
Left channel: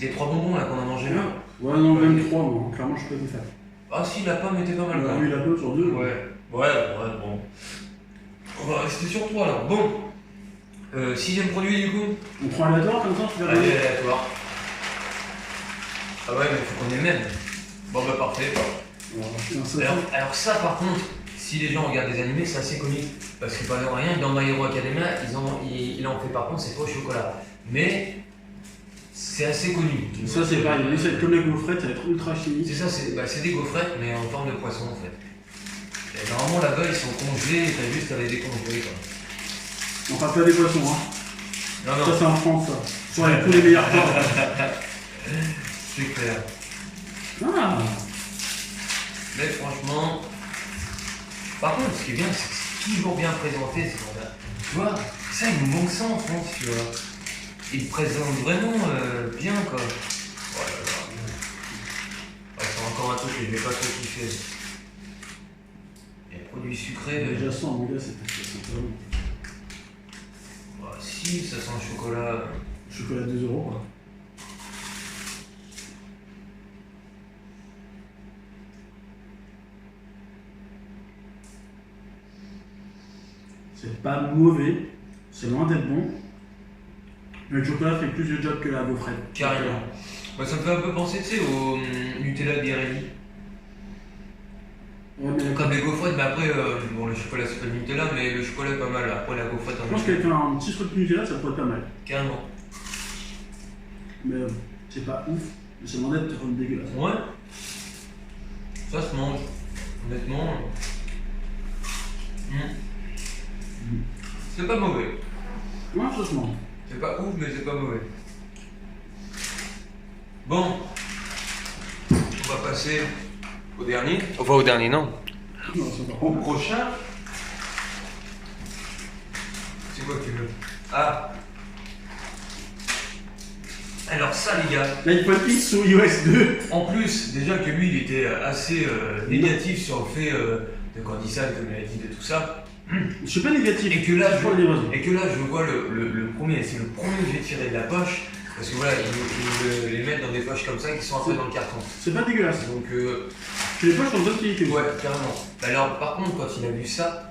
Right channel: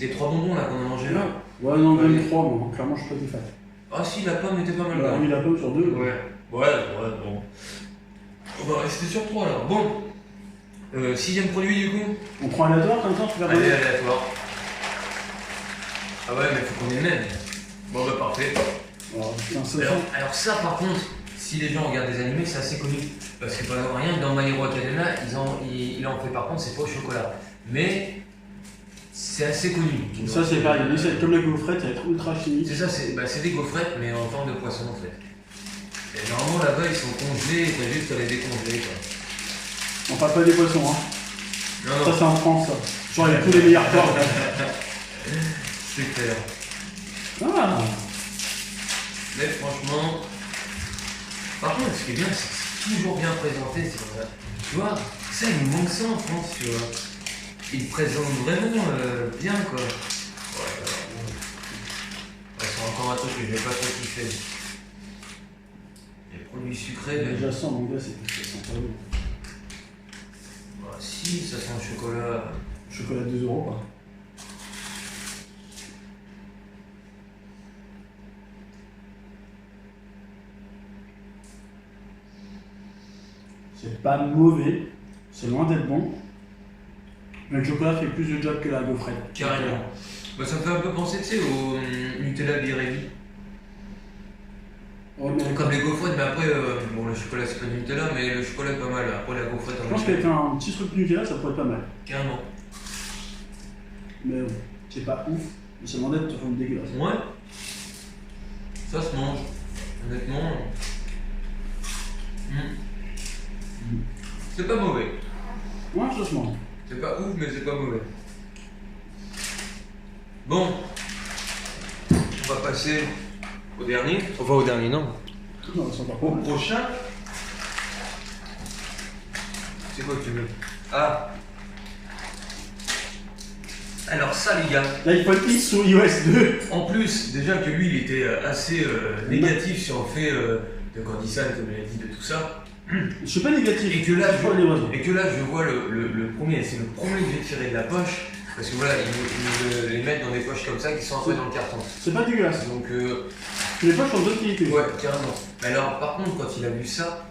les 3 bonbons là qu'on a mangé. Ouais, non, même 3, moi. Clairement, je suis pas des fans. Ah si, la pomme était pas mal. Oui, la pomme sur 2. Ouais, bon. On va rester sur 3 alors. Bon. 6ème produit du coup. On prend aléatoire comme ça, tu verras. Allez, aléatoire. Ah ouais, mais faut qu'on ait le même. Bon bah parfait. Alors ça par contre, si les gens regardent des animés, c'est assez connu. Parce que par exemple, rien que dans My Hero Academia, il en fait par contre, c'est pas au chocolat. Mais c'est assez connu. Ça c'est pareil, mais c'est comme la gaufrette, ça va être ultra chimique. C'est ça, c'est des gaufrettes mais en forme de poisson en fait. Et normalement là-bas ils sont congelés et t'as juste à les décongeler quoi. On parle pas des poissons hein. Non. Ça c'est en France ça. Genre il y a tous les meilleurs porcs. C'est clair. Ah. Mais franchement, par contre, ce qui est bien, c'est que c'est toujours bien présenté. Tu vois, ça, il nous manque ça en France, tu vois. Ils présentent vraiment bien, quoi. C'est encore un truc que je vais pas trop kiffer. Les produits sucrés. Déjà ça, mon gars, c'est pas bon. Si, ça sent le chocolat. Chocolat 2 € quoi. C'est pas mauvais, c'est loin d'être bon. Mais le chocolat fait plus de job que la gaufrette. Carrément. Bah, ça me fait un peu penser, tu sais, au Nutella Birelli. Ouais, mais comme les gaufrettes, mais après, bon, le chocolat c'est pas du Nutella, mais le chocolat est pas mal. Après, la gaufrette en je pense qu'avec un petit truc de Nutella, ça pourrait être pas mal. Carrément. Mais c'est pas ouf, mais c'est loin d'être dégueulasse. Ouais. Ça se mange. Honnêtement. C'est pas mauvais. Ouais, ça se mange. C'est pas ouf, mais c'est pas mauvais. Bon. On va passer au dernier. Enfin, au dernier, non. Non, c'est pas Au prochain. C'est quoi que tu veux? Ah. Alors ça les gars. L'iPhone X sur iOS 2. En plus, déjà que lui il était assez négatif sur le fait de Candysan, comme il a dit, de tout ça. Je suis pas négatif. Et que là, je vois le premier, c'est le premier que j'ai tiré de la poche. Parce que voilà, ils me les mettent dans des poches comme ça qui sont un peu dans le carton. C'est pas dégueulasse. Donc les poches sont de bonne qualité. Ouais, carrément. Alors par contre, quand il a vu ça,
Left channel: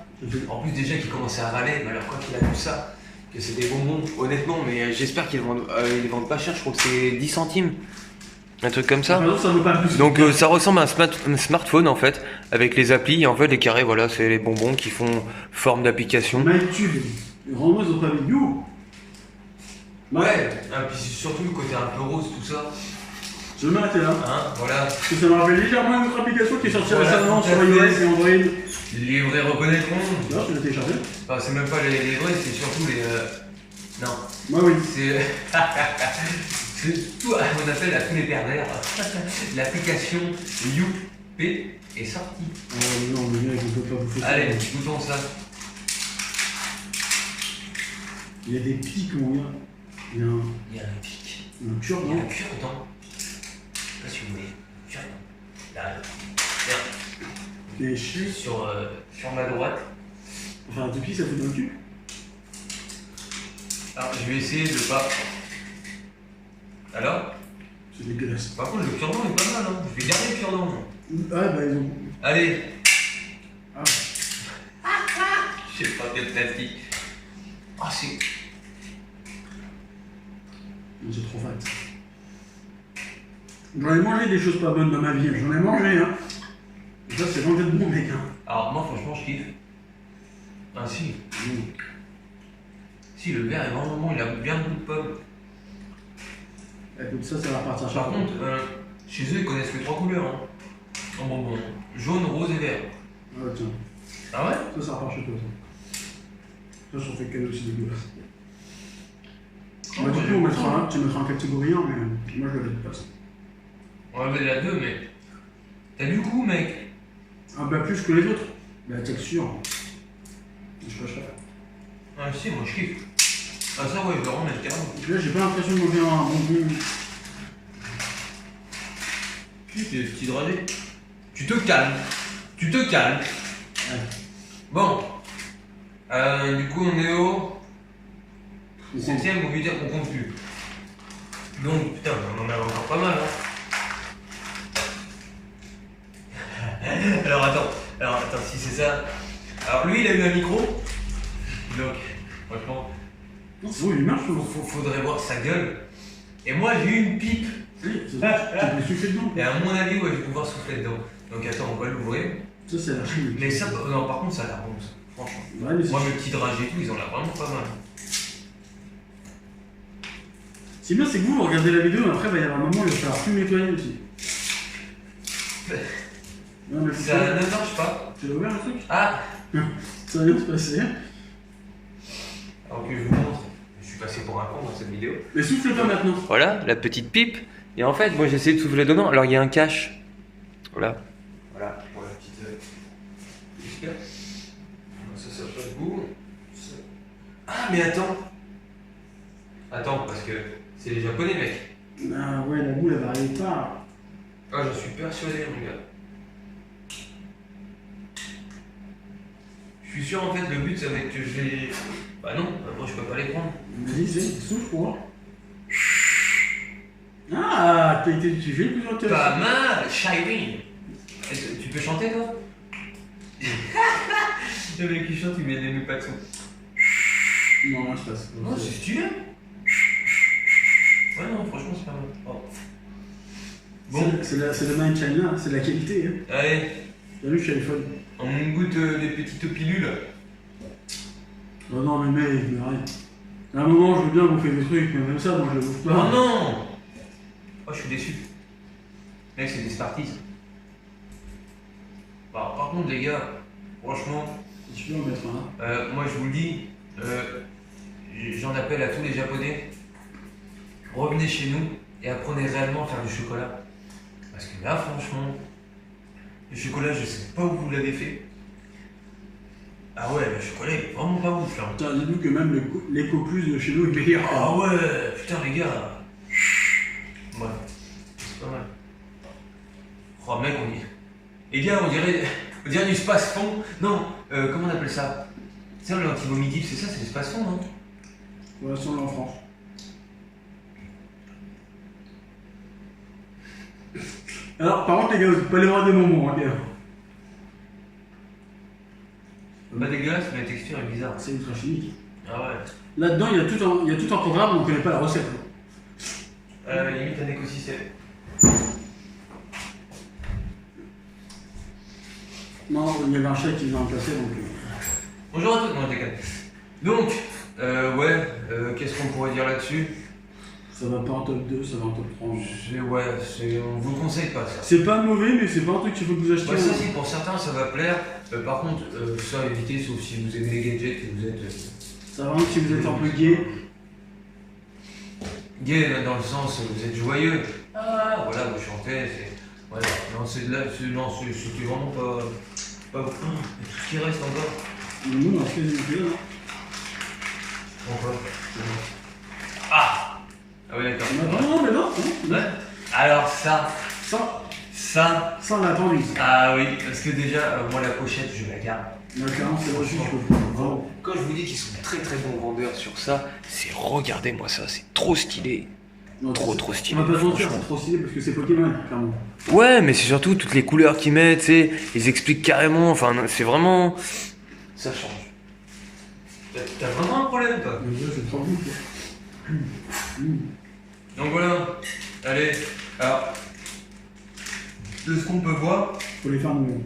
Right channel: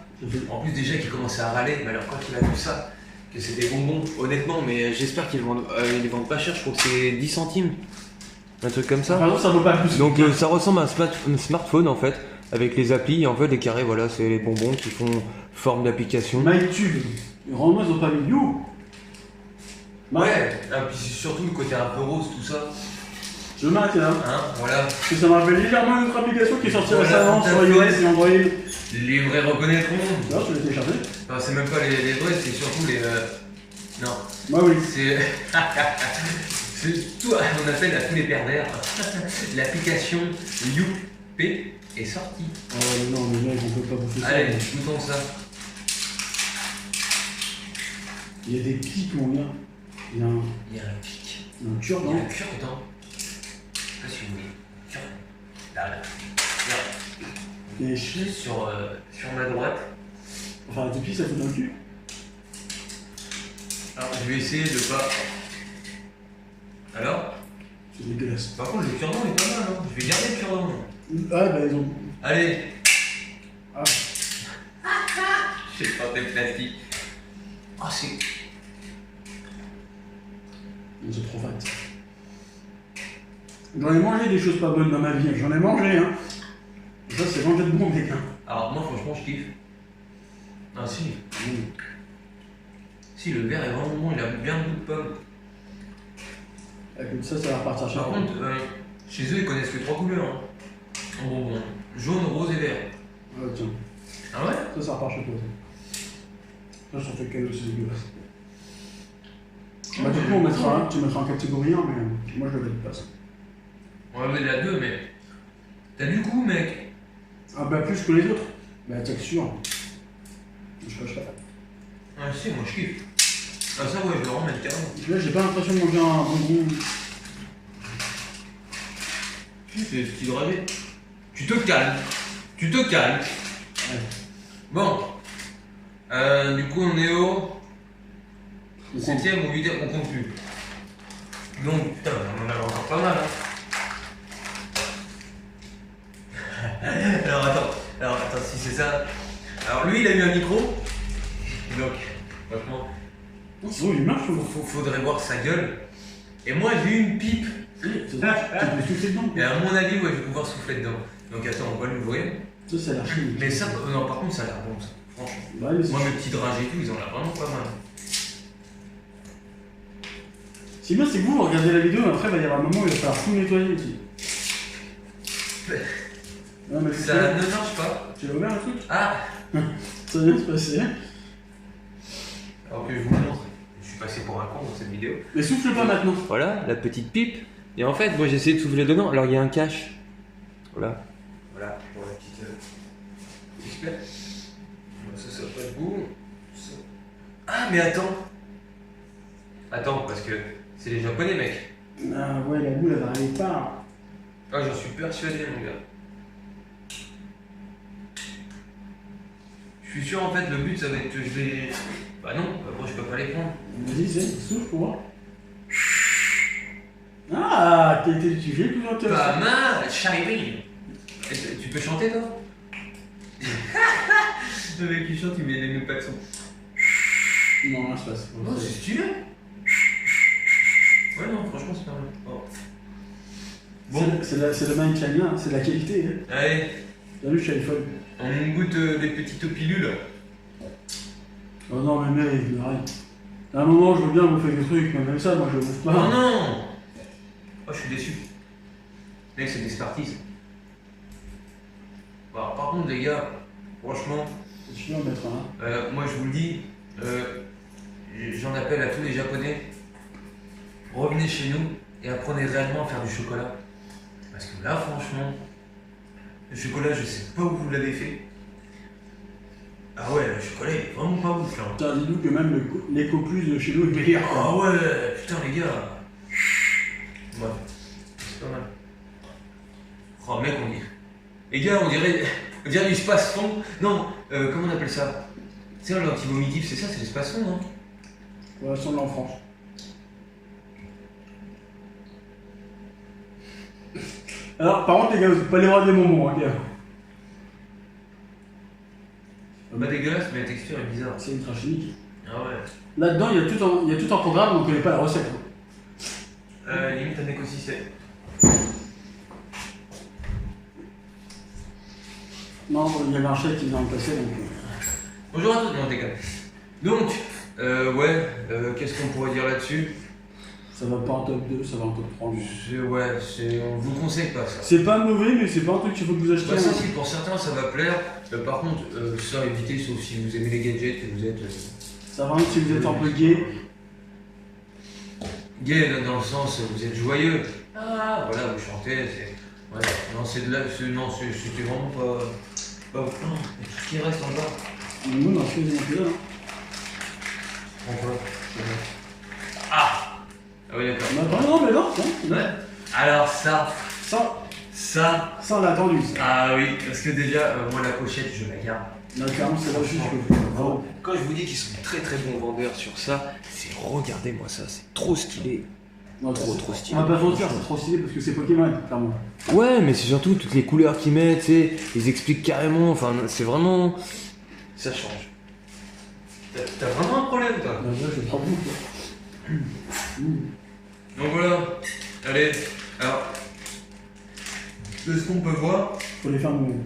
en plus déjà qu'il commençait à râler, mais alors quand il a vu ça, que c'est des bonbons, honnêtement, mais j'espère qu'ils vendent pas cher, je crois que c'est 10 centimes. Un truc comme ça. Par exemple, ça vaut pas plus. Donc ça ressemble à un smartphone en fait. avec les applis. Et en fait, les carrés, voilà, c'est les bonbons qui font forme d'application. MyTube, les rendements, ils ont pas mis You. Ouais, et puis surtout le côté un peu rose, tout ça. Je vais m'arrêter là. Hein, voilà. Parce que ça me rappelle légèrement une autre application qui est sortie récemment sur iOS et Android. Les vrais reconnaîtront. Non, je l'ai téléchargé. Enfin, c'est même pas les vrais, c'est surtout les. Non. Moi, oui. C'est tout, on appelle à tous les pervers. L'application YouP est sortie. Ah ouais, non, mais mec, on peut pas bouffer ça. Allez, goûtons ça. Il y a des pics, mon gars. Il y a un pic. Il y a un cure-dent. Il y a un cure-dent. Je sais pas si vous voulez. Cure-dent. Là. Et sur ma droite. Enfin, des pics, ça fait dans le cul. Alors, je vais essayer de pas. Alors? C'est dégueulasse. Par contre, le cure-dent est pas mal, hein. Je vais garder le cure-dent. Ah, bah, ils ont. Allez. Ah. Je sais pas, des plastiques. Ah, c'est. C'est trop fat. J'en ai mangé des choses pas bonnes dans ma vie, j'en ai mangé, hein. Et ça, c'est vraiment d'être bon, mec, hein. Alors, moi, franchement, je kiffe. Ah, si. Si, le verre est vraiment bon, il a bien le goût de pomme. Écoute, ça va repartir chaque Par fois. contre, chez eux, ils connaissent que 3 couleurs. Hein. En bonbon. Jaune, rose et vert. Ah, tiens. Ah ouais? Ça repart chez toi, ça. Ça, j'en fais cadeau, c'est dégueulasse. Bah, du coup, tu mettras en catégorie 1, mais moi, je le valide pas, ça. On va lever la 2, mais. T'as du goût, mec. Ah, bah, plus que les autres. Bah, la texture. Je cache pas. Ah, si, moi, je kiffe. Ah, ça, ouais, je le remets carrément. Et puis là, j'ai pas l'impression de manger un bonbon. Si, c'est petit dragé. Tu te calmes. Tu te calmes. Ouais. Bon. Du coup, on est au. 7ème ou 8ème, on compte plus. Donc, putain, on en a encore pas mal, hein. Alors, attends, si c'est ça. Alors, lui, il a eu un micro. Donc, franchement. Non, c'est bon, il marche, Faudrait voir sa gueule. Et moi, j'ai eu une pipe. Tu peux souffler dedans. Et à mon avis, ouais, je vais pouvoir souffler dedans. Donc, attends, on va l'ouvrir. Ça, c'est la chimie. Mais ça, non, par contre, ça a l'air bon, ça. Franchement. Ouais, mais moi, mes petits dragées et tout, ils ont l'air vraiment pas mal. Ce qui est bien, c'est que vous regardez la vidéo, mais après, il va y avoir un moment où il va falloir tout nettoyer aussi. Non, mais ça ne marche pas. Tu l'as ouvert le truc? Ah. Ça va bien se passer. Alors que je vous montre. Je suis passé pour un con dans cette vidéo. Mais souffle pas maintenant. Voilà, la petite pipe. Et en fait, moi j'ai essayé de souffler dedans. Alors il y a un cache. Voilà. Voilà, pour la petite. Ça pas de goût. Ah, mais attends. Attends, parce que c'est les japonais, mec. Ah ouais, la boule, elle va arriver pas. Ah, j'en suis persuadé, mon gars. Je suis sûr, en fait, le but, ça va être que je les. Bah non, moi je peux pas les prendre. Vas-y, souffle pour voir. Ah, t'as été tu fais le plus intéressant. Pas mal, Shireen. Tu peux chanter, toi? Le mec qui chante, il met pas de son. Non, je passe. Non, c'est stylé. Ouais, non, franchement, c'est pas mal. Oh. Bon. C'est le Made in China, c'est de la qualité. Hein. Allez. T'as vu, je suis iPhone. On goûte les petites pilules. Oh non, mais mec, arrête. À un moment, je veux bien bouffer des trucs, mais même ça, moi, je le bouffe pas. Oh non. Oh, je suis déçu. Mec, c'est des Smarties. Bon, alors, par contre, les gars, franchement. Tu peux en mettre un. Moi, je vous le dis, j'en appelle à tous les Japonais. Revenez chez nous et apprenez réellement à faire du chocolat. Parce que là, franchement, le chocolat, je sais pas où vous l'avez fait. Ah ouais, le chocolat, il est vraiment pas ouf là. Putain, dis-nous que même l'éco plus de chez nous est meilleur. Ah ouais, putain, les gars. Ouais, c'est pas mal. Oh, mec, on dit. Les gars, on dirait du space-fond. Non, comment on appelle ça? C'est l'anti-vomitif, c'est ça, c'est l'espace-fond, non? Ouais, ça, on l'a en France. Alors, par contre, les gars, vous n'avez pas les droits des moments, hein, gars. Pas dégueulasse, mais la texture est bizarre. C'est ultra chimique. Ah ouais. Là-dedans, il y a tout un programme, mais on ne connaît pas la recette. Limite un écosystème. il y avait un chat qui venait remplacer donc. Bonjour à tous, non, déconne. Donc, ouais, qu'est-ce qu'on pourrait dire là-dessus? Ça va pas en top 2, ça va en top 3. Ouais, on vous conseille pas ça. C'est pas mauvais, mais c'est pas un truc qu'il faut que vous achetiez. Ouais, ça, si, pour certains, ça va plaire. Par contre, ça, évitez, sauf si vous aimez les gadgets, que vous êtes. Ça va si vous êtes un peu gay. Gay, dans le sens, vous êtes joyeux. Ah, voilà, vous chantez, c'est. Ouais, non, c'est de là. Non, c'était vraiment pas. Mais tout ce qui reste en bas. Le monde en fait des là. Pourquoi? Ah! Ah oui, d'accord. Non, mais non. Ouais. Alors, ça, on l'a attendu. Ça. Ah oui, parce que déjà, moi, la pochette, je la garde. Non, clairement, c'est là juste. Quand je vous dis qu'ils sont très très bons vendeurs sur ça, c'est regardez-moi ça, c'est trop stylé. Non, trop stylé. On va pas se mentir, c'est trop stylé parce que c'est Pokémon, clairement. Ouais, mais c'est surtout toutes les couleurs qu'ils mettent, tu sais, ils expliquent carrément, enfin, c'est vraiment. Ça change. T'as vraiment un problème, toi? Non, c'est trop bon. Donc voilà, allez, alors, de ce qu'on peut voir, faut les faire nous-mêmes.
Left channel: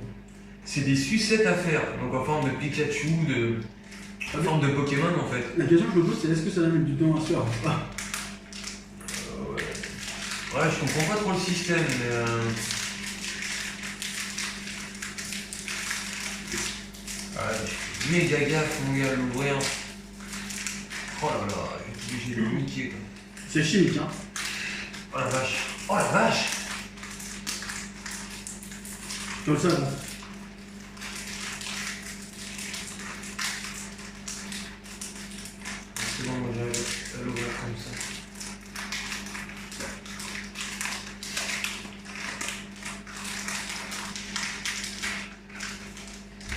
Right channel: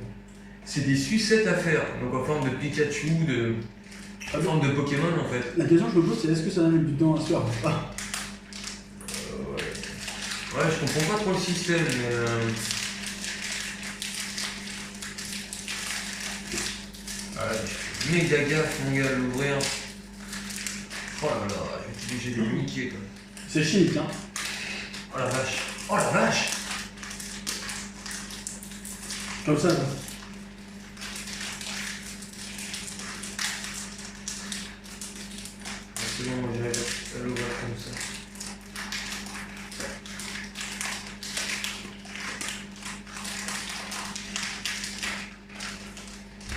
c'est des sucettes à faire, donc en forme de Pikachu, en forme de Pokémon en fait. La question que je me pose, c'est est-ce que ça va mettre du temps à se faire? Ouais, je comprends pas trop le système, mais. Je fais méga gaffe, mon gars, à l'ouvrir. Oh là là, je vais être obligé de niquer quoi. C'est chimique, hein. Oh la vache! Oh la vache! Comme ça. C'est bon, moi j'arrive à l'ouvrir comme ça.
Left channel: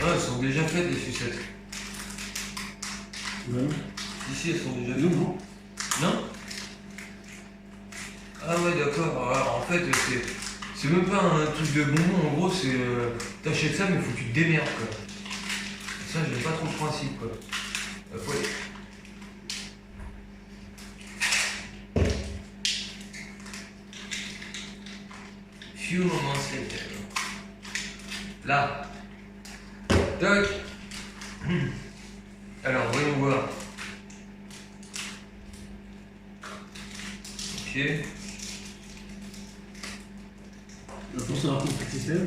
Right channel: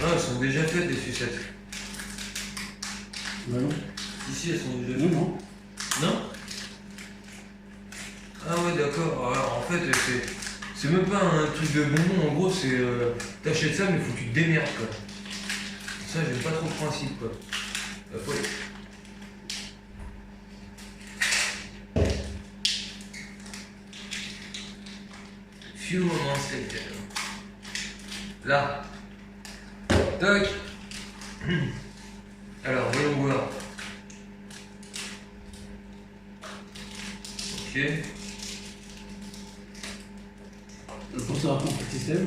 Ah, elles sont déjà faites des sucettes. Bah non. Ici, elles sont déjà faites. Non. Non? Ah ouais, d'accord. Alors en fait, c'est même pas un truc de bonbon. En gros, c'est t'achètes ça, mais faut que tu te démerdes quoi. Ça, j'aime pas trop le principe quoi. Ouais. Few moments later. Là. Toc. Alors, voyons voir. Ok. Pour savoir ton système,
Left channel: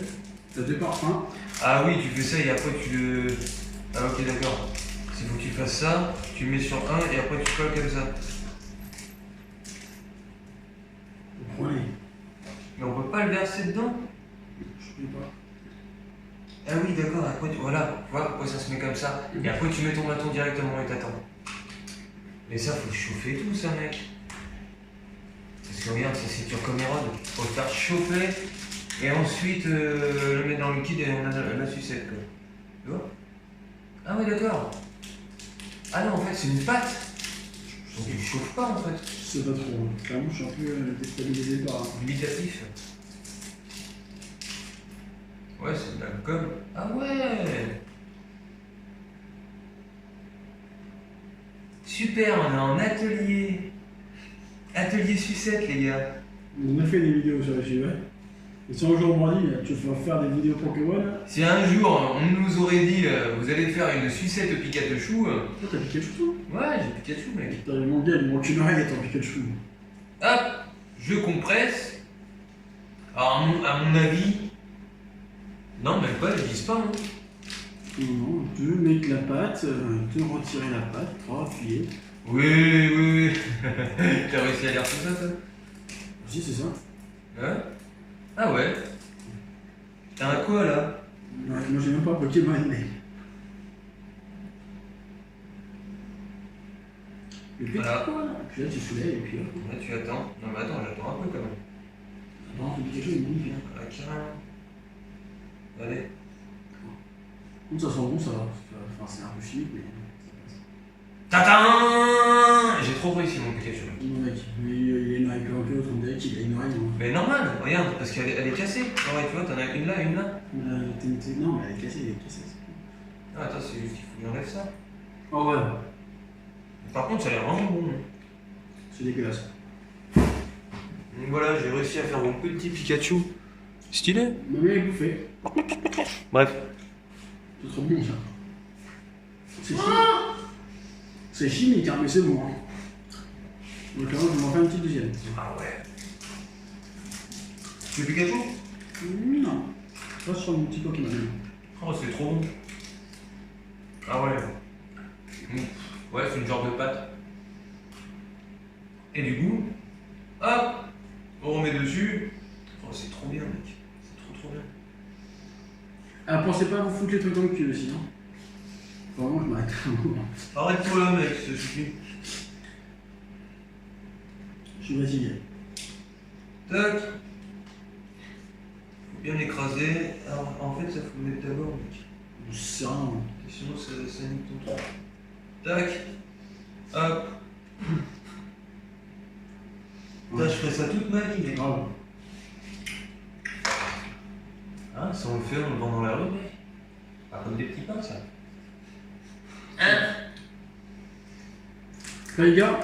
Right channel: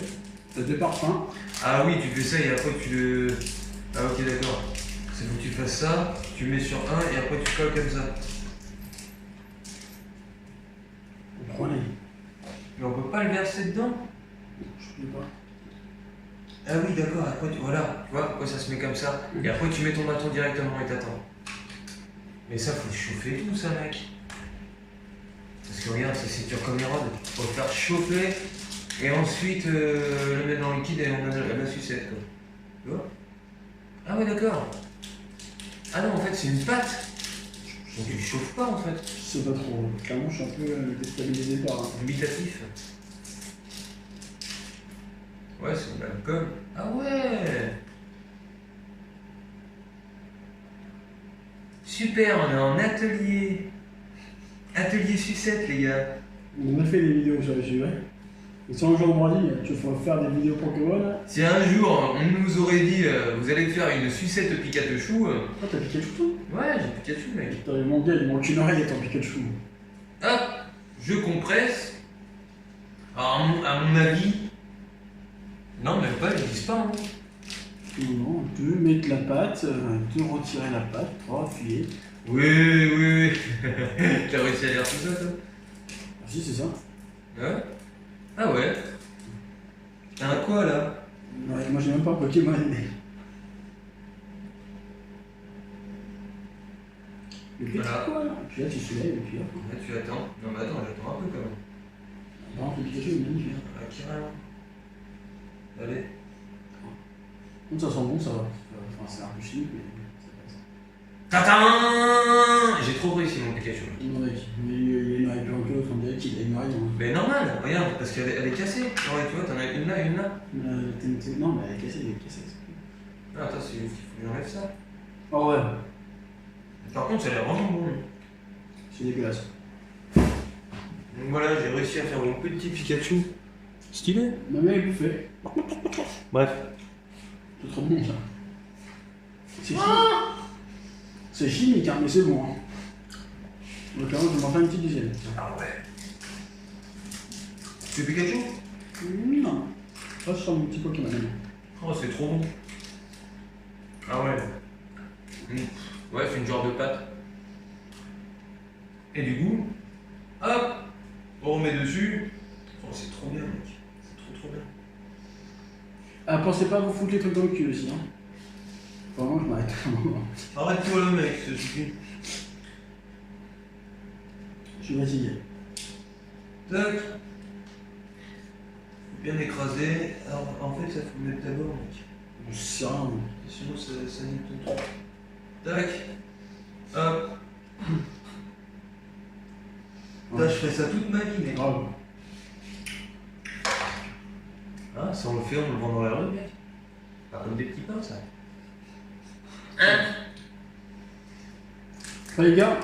t'as deux parfums. Ah oui, tu fais ça et après tu le. Ah ok, d'accord. C'est faut que tu fasses ça, tu mets sur un et après tu colles comme ça. Vous prenez. Mais on peut pas le verser dedans? Je sais pas. Ah oui, d'accord, après tu. Voilà, tu vois pourquoi ça se met comme ça. Et après tu mets ton bâton directement et t'attends. Mais ça, faut chauffer tout ça, mec. Parce que regarde, ça c'est dur comme érode. Faut le faire chauffer et ensuite le mettre dans le liquide et on a la sucette quoi. Tu vois? Ah oui, d'accord. Ah non, en fait c'est une pâte. Donc il chauffe pas en fait. C'est pas trop. Clairement, je suis un peu déstabilisé par. Limitatif. Ouais, c'est de la gomme. Ah ouais. Super, on est en atelier. Atelier sucette, les gars. On a fait des vidéos sur le sujet. Et si un jour on m'a dit, tu vas faire des vidéos Pokémon. Si un jour on nous aurait dit, vous allez faire une sucette Pikachu. Ah, t'as Pikachu toi? Ouais, j'ai Pikachu, mec. Putain, mon gars, il manque une oreille à ton Pikachu. Hop, je compresse. Alors, à mon avis. Non, même pas, ils disent pas. Hein. Non, 2, mettre la pâte, 2, retirer la pâte, 3, appuyer. Oui. T'as réussi à lire tout ça, toi? Ah, si, c'est ça. Ouais. Ah ouais. T'as un quoi là? Non, moi j'ai même pas Pokémon, mais. Le petit Voilà. quoi là? Et puis là, tu soulèves et puis hop. Là, tu attends. Non, mais attends, j'attends un peu quand même. Non, le Pikachu il est magnifique. Ah, carrément. Allez. Donc ça sent bon, ça va. Enfin, c'est un peu chimique, mais ça passe. Tatin! J'ai trop réussi mon Pikachu. Non, mec, mais il a une oreille plus longue que l'autre, on dirait qu'il a une oreille. Mais normal, regarde, parce qu'elle est cassée. Ouais, tu vois, t'en as une là, une là. Non, mais elle est cassée, c'est tout. Ah, attends, c'est juste qu'il faut que j'enlève ça. Oh ouais, Par contre, ça a l'air vraiment bon. c'est dégueulasse. Donc voilà, j'ai réussi à faire mon petit Pikachu. Stylé. Non, mais il bouffait. Bref. C'est trop bon ça. C'est chimique, hein, mais c'est bon. Hein. Donc là, je vais m'en faire une petite deuxième. Ah ouais. Tu fais Pikachu? Non. Je reste sur mon petit Pokémon. Oh, c'est trop bon. Ah ouais. Ouais, c'est une genre de pâte. Et du coup, hop, on remet dessus. Oh, c'est trop bien, mec. C'est trop bien. Ah, pensez pas à vous foutre les trucs dans le cul aussi. Hein. Vraiment, je m'arrête un moment. Arrête-toi là, mec, ça suffit. Je suis fatigué. Tac. Faut bien écraser. Alors, en fait, ça faut le mettre d'abord, mec. Je sais rien. Sinon, ça nique ton truc. Tac. Hop. Là, je ferai ça toute ma vie, mec. Bravo. Ah, ça on le fait, on le vend dans la rue, mec. Pas comme des petits pains, ça. Hein? Ah, les gars,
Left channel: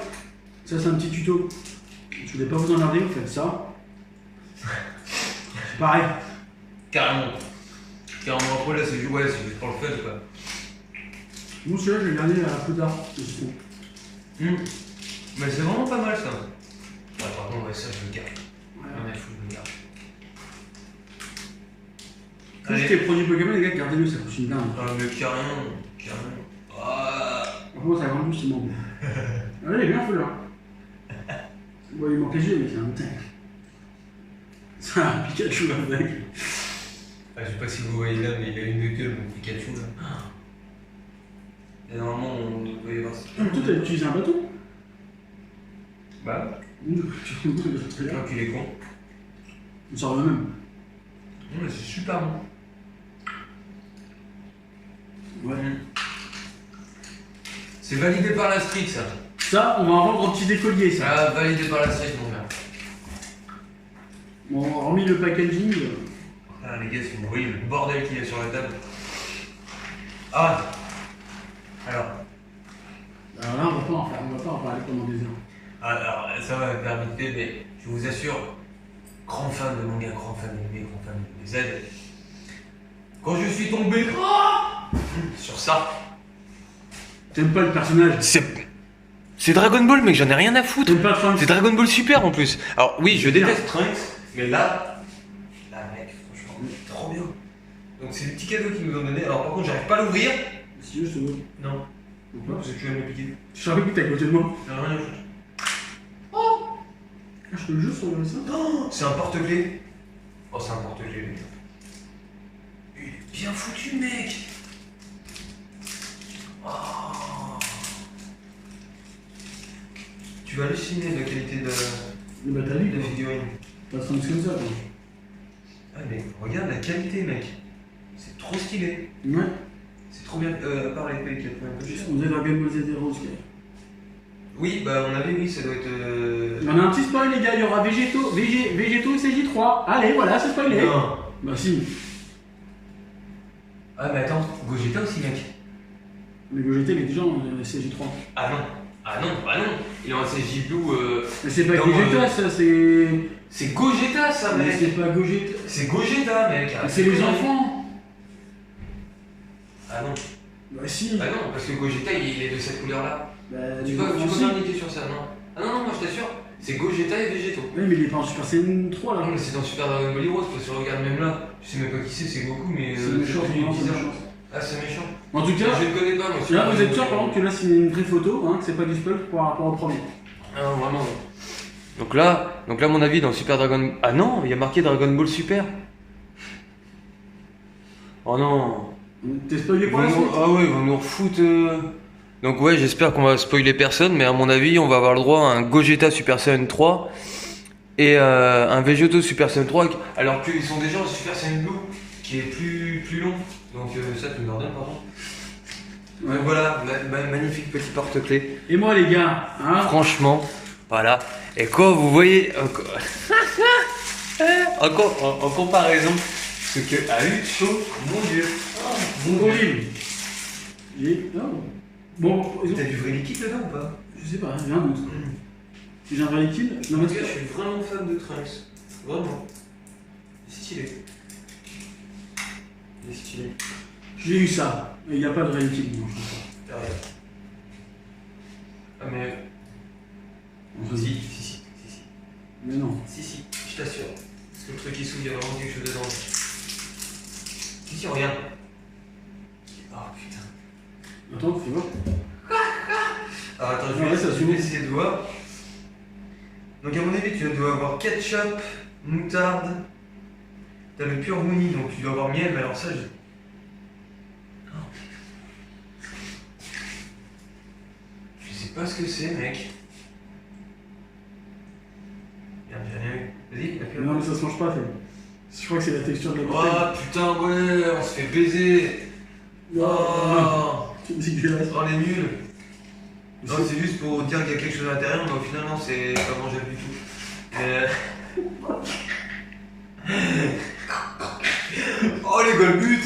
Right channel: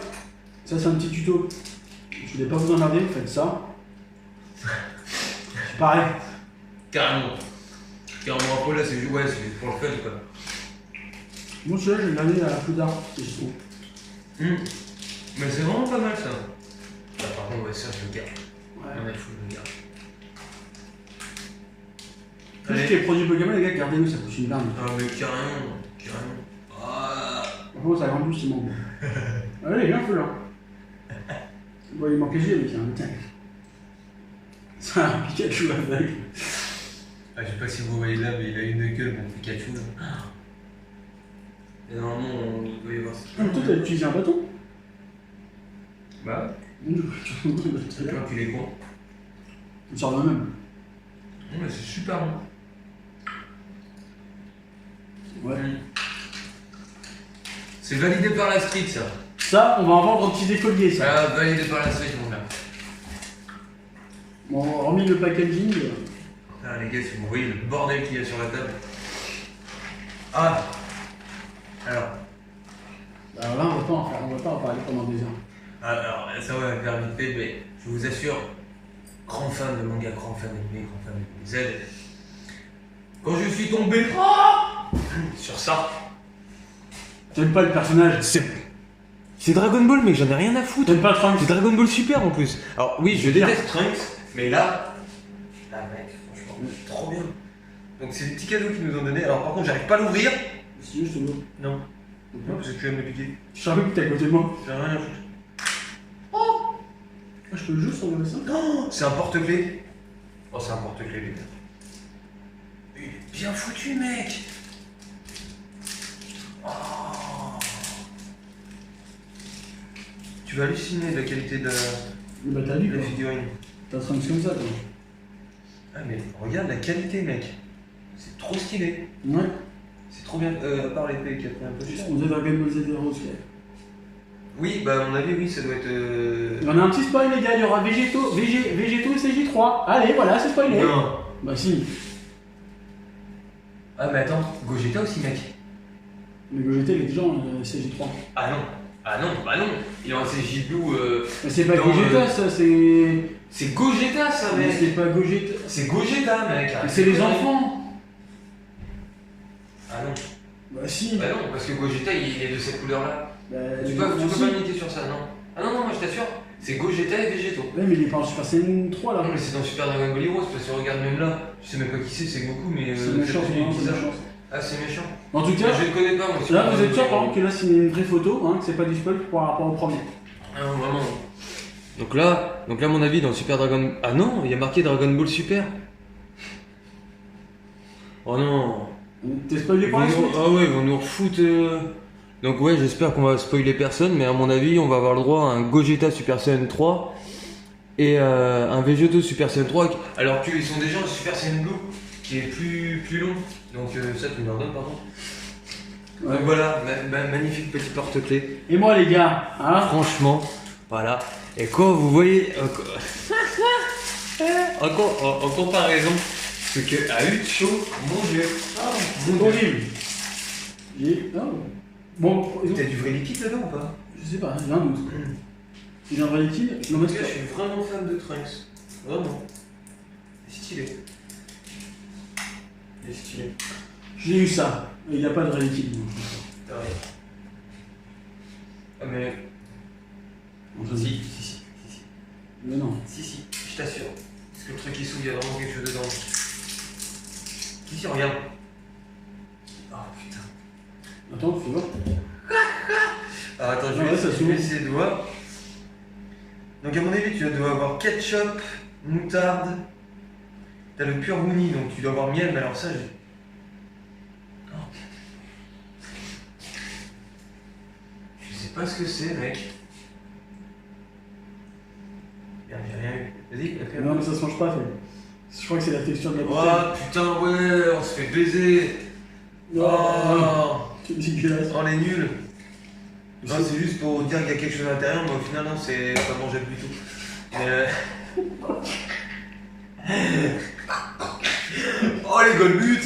ça c'est un petit tuto. Je voulais pas vous emmerder, vous faites ça. C'est pareil. Carrément. Après là, c'est ouais, c'est pour le fun, quoi. Bon, celui-là, je vais le garder à plus tard. Mais c'est vraiment pas mal, ça. Ah, par contre, ouais, ça, je le garde. Ouais. Ah, mais faut que je le garde. Tout ce qui est produit Pokémon, les gars, gardez-le, ça coûte une blinde. Ah, mais carrément. Ah. Par contre, ça grandit justement. Allez, bien fait là. Bon, il manque les yeux, mais c'est un tank. C'est un Pikachu avec. Ah, je sais pas si vous voyez là, mais il a une gueule, mon Pikachu là. Et normalement, on doit y avoir ça. Ah, mais toi, t'as utilisé un bâton? Bah. C'est Toi qu'il est con. On sort le même. Non, mais c'est super bon. Ouais. C'est validé par la street, ça. Ça, on va en vendre un petit écolier, ça. Ah, validé par la street, mon gars. Bon, hormis le packaging. Ah, les gars, si vous voyez le bordel qu'il y a sur la table. Ah. Alors. Alors là, on va pas en parler pendant des heures. Alors, ça va me faire vite fait, mais je vous assure, grand fan de manga, grand fan d'anime, grand fan de Z. Quand je suis tombé sur ça. T'aimes pas le personnage? C'est Dragon Ball, mec, j'en ai rien à foutre. T'aimes pas Trunks? C'est Dragon Ball Super en plus. Alors oui, je déteste Trunks, mais là, mec, franchement, trop bien. Donc c'est le petit cadeau qu'ils nous ont donné. Alors par contre, j'arrive pas à l'ouvrir. Si tu veux, je te donne. Non. Pourquoi? Parce que tu vas me le piquer. Je savais que t'es à côté de moi. J'en ai rien à foutre. Ah, je peux le jouer sur le ça? Oh, c'est un porte-clés. Oh, c'est un porte-clés, les gars. Il est bien foutu, mec. Oh. Tu vas halluciner de la qualité de Bah, t'as vu la quoi. figurine. T'as Trunks comme ça, toi. Ah, mais regarde la qualité, mec. C'est trop stylé. Ouais. C'est trop bien. À part l'épée qui a pris un peu cher. On faisait Dragon Ball Z Heroes, quoi. Oui, bah, à mon avis, oui, ça doit être. On a un petit spoil, les gars, il y aura Végéto CJ3. Allez, voilà, c'est spoilé. Non. Bah, si. Ah, mais attends, Gogeta aussi, mec. Mais Gogeta, il est déjà en CJ3. Ah non. Ah non, bah non. Il est en CJ Blue. Mais c'est pas dans, Gogeta, ça, c'est. C'est Gogeta, ça, Mais mec. c'est pas Gogeta. C'est Gogeta, mec. Mais c'est les enfants. Ah non. Bah, si. Bah non, parce que Gogeta, il est de cette couleur-là. Bah, Tu peux pas m'indiquer sur ça, non? Ah non, non, moi je t'assure, c'est Gogeta et Végéto. Ouais, mais il est pas en Super Saiyan 3 là. Non, mais c'est dans Super Dragon Ball Heroes, parce que regarde même là, tu sais même pas qui c'est Goku, mais. C'est méchant, c'est c'est bizarre. méchant. Ah, c'est méchant. En tout cas, Je le connais pas, moi. là vous êtes sûr par exemple que là c'est une vraie photo, hein, que c'est pas du spoil par rapport au premier. Ah, vraiment. Donc là, à mon avis, dans Super Dragon. Ah non, il y a marqué Dragon Ball Super. Oh non. T'es spoilé pour la suite? Ah ouais, ils vont nous refoutre. Donc ouais, j'espère qu'on va spoiler personne, mais à mon avis, on va avoir le droit à un Gogeta Super Saiyan 3 et un Végéto Super Saiyan 3, alors qu'ils sont déjà en Super Saiyan Blue, qui est plus long. Donc ça, tu me leur donnes, pardon. Ouais. Donc voilà, magnifique petit porte-clés. Et moi les gars, hein? Franchement, voilà. Et quand vous voyez, en comparaison, ce qu'a eu de chaud, mon Dieu. Bon livre. Oh. Bon, ils ont... T'as du vrai liquide là-dedans ou pas? Je sais pas, j'ai un doute. J'ai un vrai liquide. Non, mais Je suis vraiment fan de Trunks. Vraiment. Stylé. Il est stylé. J'ai eu ça. Il n'y a pas de réalité. T'as rien. Ah mais... Non, Si. Mais non. Si, je t'assure. Parce que le truc il s'ouvre, il y a vraiment quelque chose dedans. Si, regarde. Oh putain. Attends, faut voir. Alors attends, je vais essayer de voir. Donc à mon avis, tu dois avoir ketchup, moutarde. T'as le pur brownie, donc tu dois avoir miel, mais alors ça, je... Oh. Je sais pas ce que c'est, mec. Merde, j'ai rien eu. Vas-y, il a fait un Non, peu. mais ça se mange pas, fait. Je crois que c'est la texture de la bouteille. Oh putain, ouais, on se fait baiser. Oh, C'est dégueulasse. oh les nuls. Non, c'est juste pour dire qu'il y a quelque chose à l'intérieur, mais au final, non, c'est pas mangeable du tout. Oh les golbutes.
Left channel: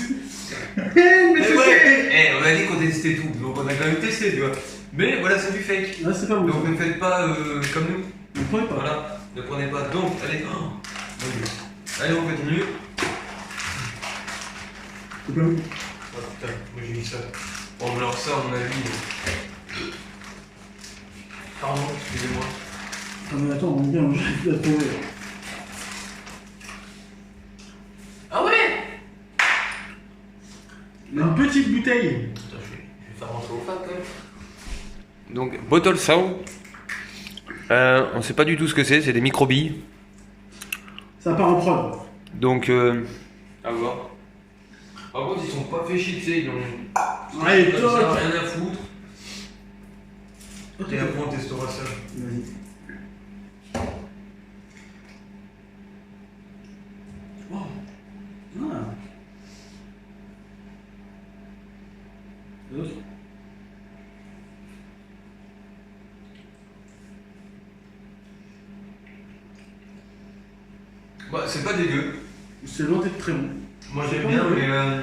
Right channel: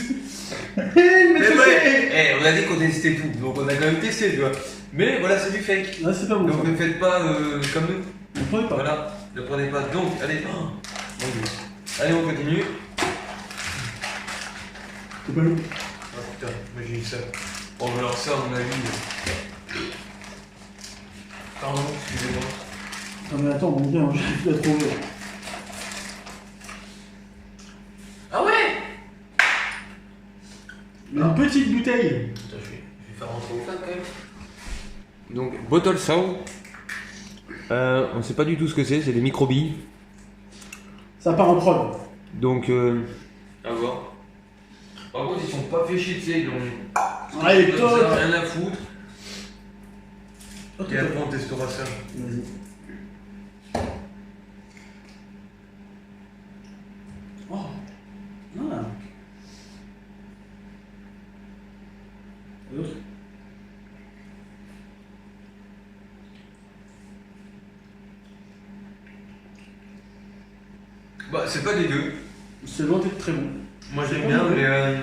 Mais ouais, on a dit qu'on testait tout, donc on a quand même testé, tu vois. Mais voilà, c'est du fake. Ah, c'est pas bon. Donc Ça. ne faites pas comme nous. Ne prenez pas. Voilà, ne prenez pas. Donc, allez, oh, mon Dieu. Allez, on continue. C'est pas bon. Oh putain, moi j'ai eu ça. Bon, alors ça, à mon avis. Pardon, excusez-moi. Ah, mais attends, on est bien, j'ai la trouvé. Ah ouais. Une petite bouteille. Attends, je vais faire rentrer au fat quand même. Donc, bottle sound. On ne sait pas du tout ce que c'est des microbilles. Ça part en prod. Donc, à voir. Par contre, ils sont pas fait chier, tu sais, ils ont. Allez, Ils toi. ont rien à foutre. Ok. Et après, on testera ça. Vas-y. Oh. Voilà. Et l'autre. Bah, c'est pas dégueu. C'est loin d'être très bon. Moi, C'est j'aime pas bien, mauvais. mais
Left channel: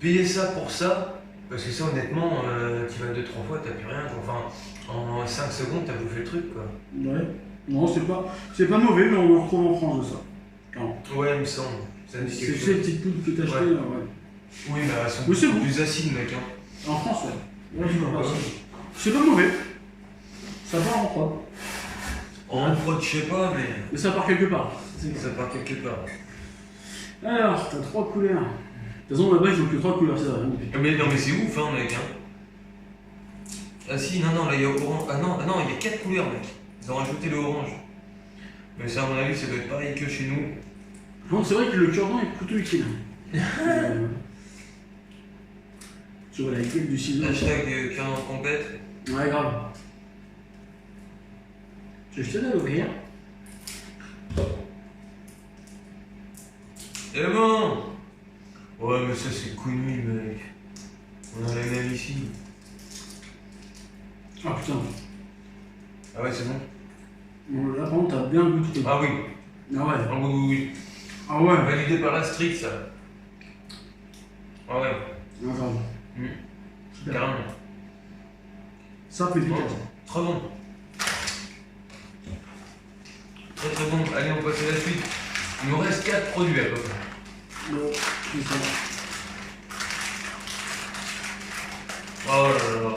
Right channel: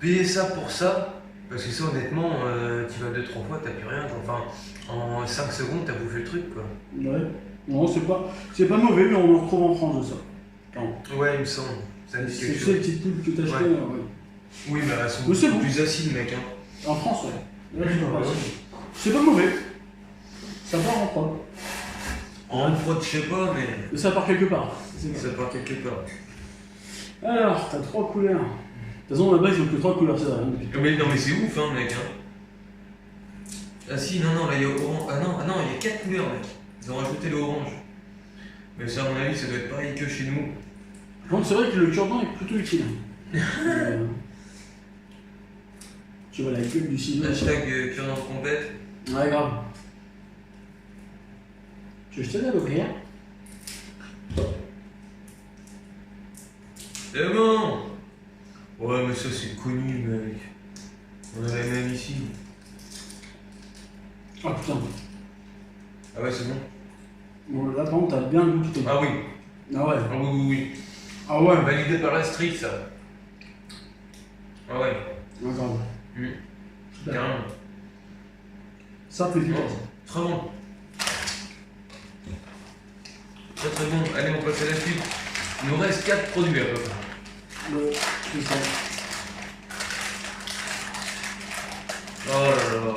payer ça pour ça, parce que ça, honnêtement, tu vas 2-3 fois, t'as plus rien. Enfin, en 5 secondes, t'as bouffé le truc, quoi. Ouais. Non, c'est pas mauvais, mais on en retrouve en France de ça. Clairement. Ouais, il me semble. Ça me dit C'est quelque ces chose. petites poudres que t'as achetées, Ouais. ouais. Oui, mais elles sont Oui, c'est beaucoup bon. plus acides, mec. Hein. En France, ouais. Là, je vois pas. Ah oui. C'est pas mauvais. Ça part en prod. En prod, je sais pas, mais Mais ça part quelque part. C'est ça part quelque part. Alors, t'as 3 couleurs. De toute façon, là-bas, ils ont que 3 couleurs, c'est vrai. Hein, depuis. Mais non, mais c'est ouf, hein, mec. Hein. Ah si, non, là, il y a orange. Ah non, il y a 4 couleurs, mec. Ils ont rajouté le orange. Mais ça, à mon avis, ça doit être pareil que chez nous. Par contre, c'est vrai que le cure-dent est plutôt utile. Je vois la gueule du ciseau. Hashtag cure dans complète. Ouais, grave. Je te donne l'ouvrir. C'est bon. Ouais, mais ça, c'est connu, mec. On a la même ici. Ah putain. Ah ouais, c'est bon. Bon, là, par contre, t'as bien le goût de truc. Ah oui. Ah ouais. Ah oui. Ah ouais. Validé par la street, ça. Ah ouais. Ah, grave. Mmh. Carrément. Simple et efficace. Très bon. Très bon. Allez, on passe à la suite. Il nous reste 4 produits à peu près. C'est ça. Oh là là.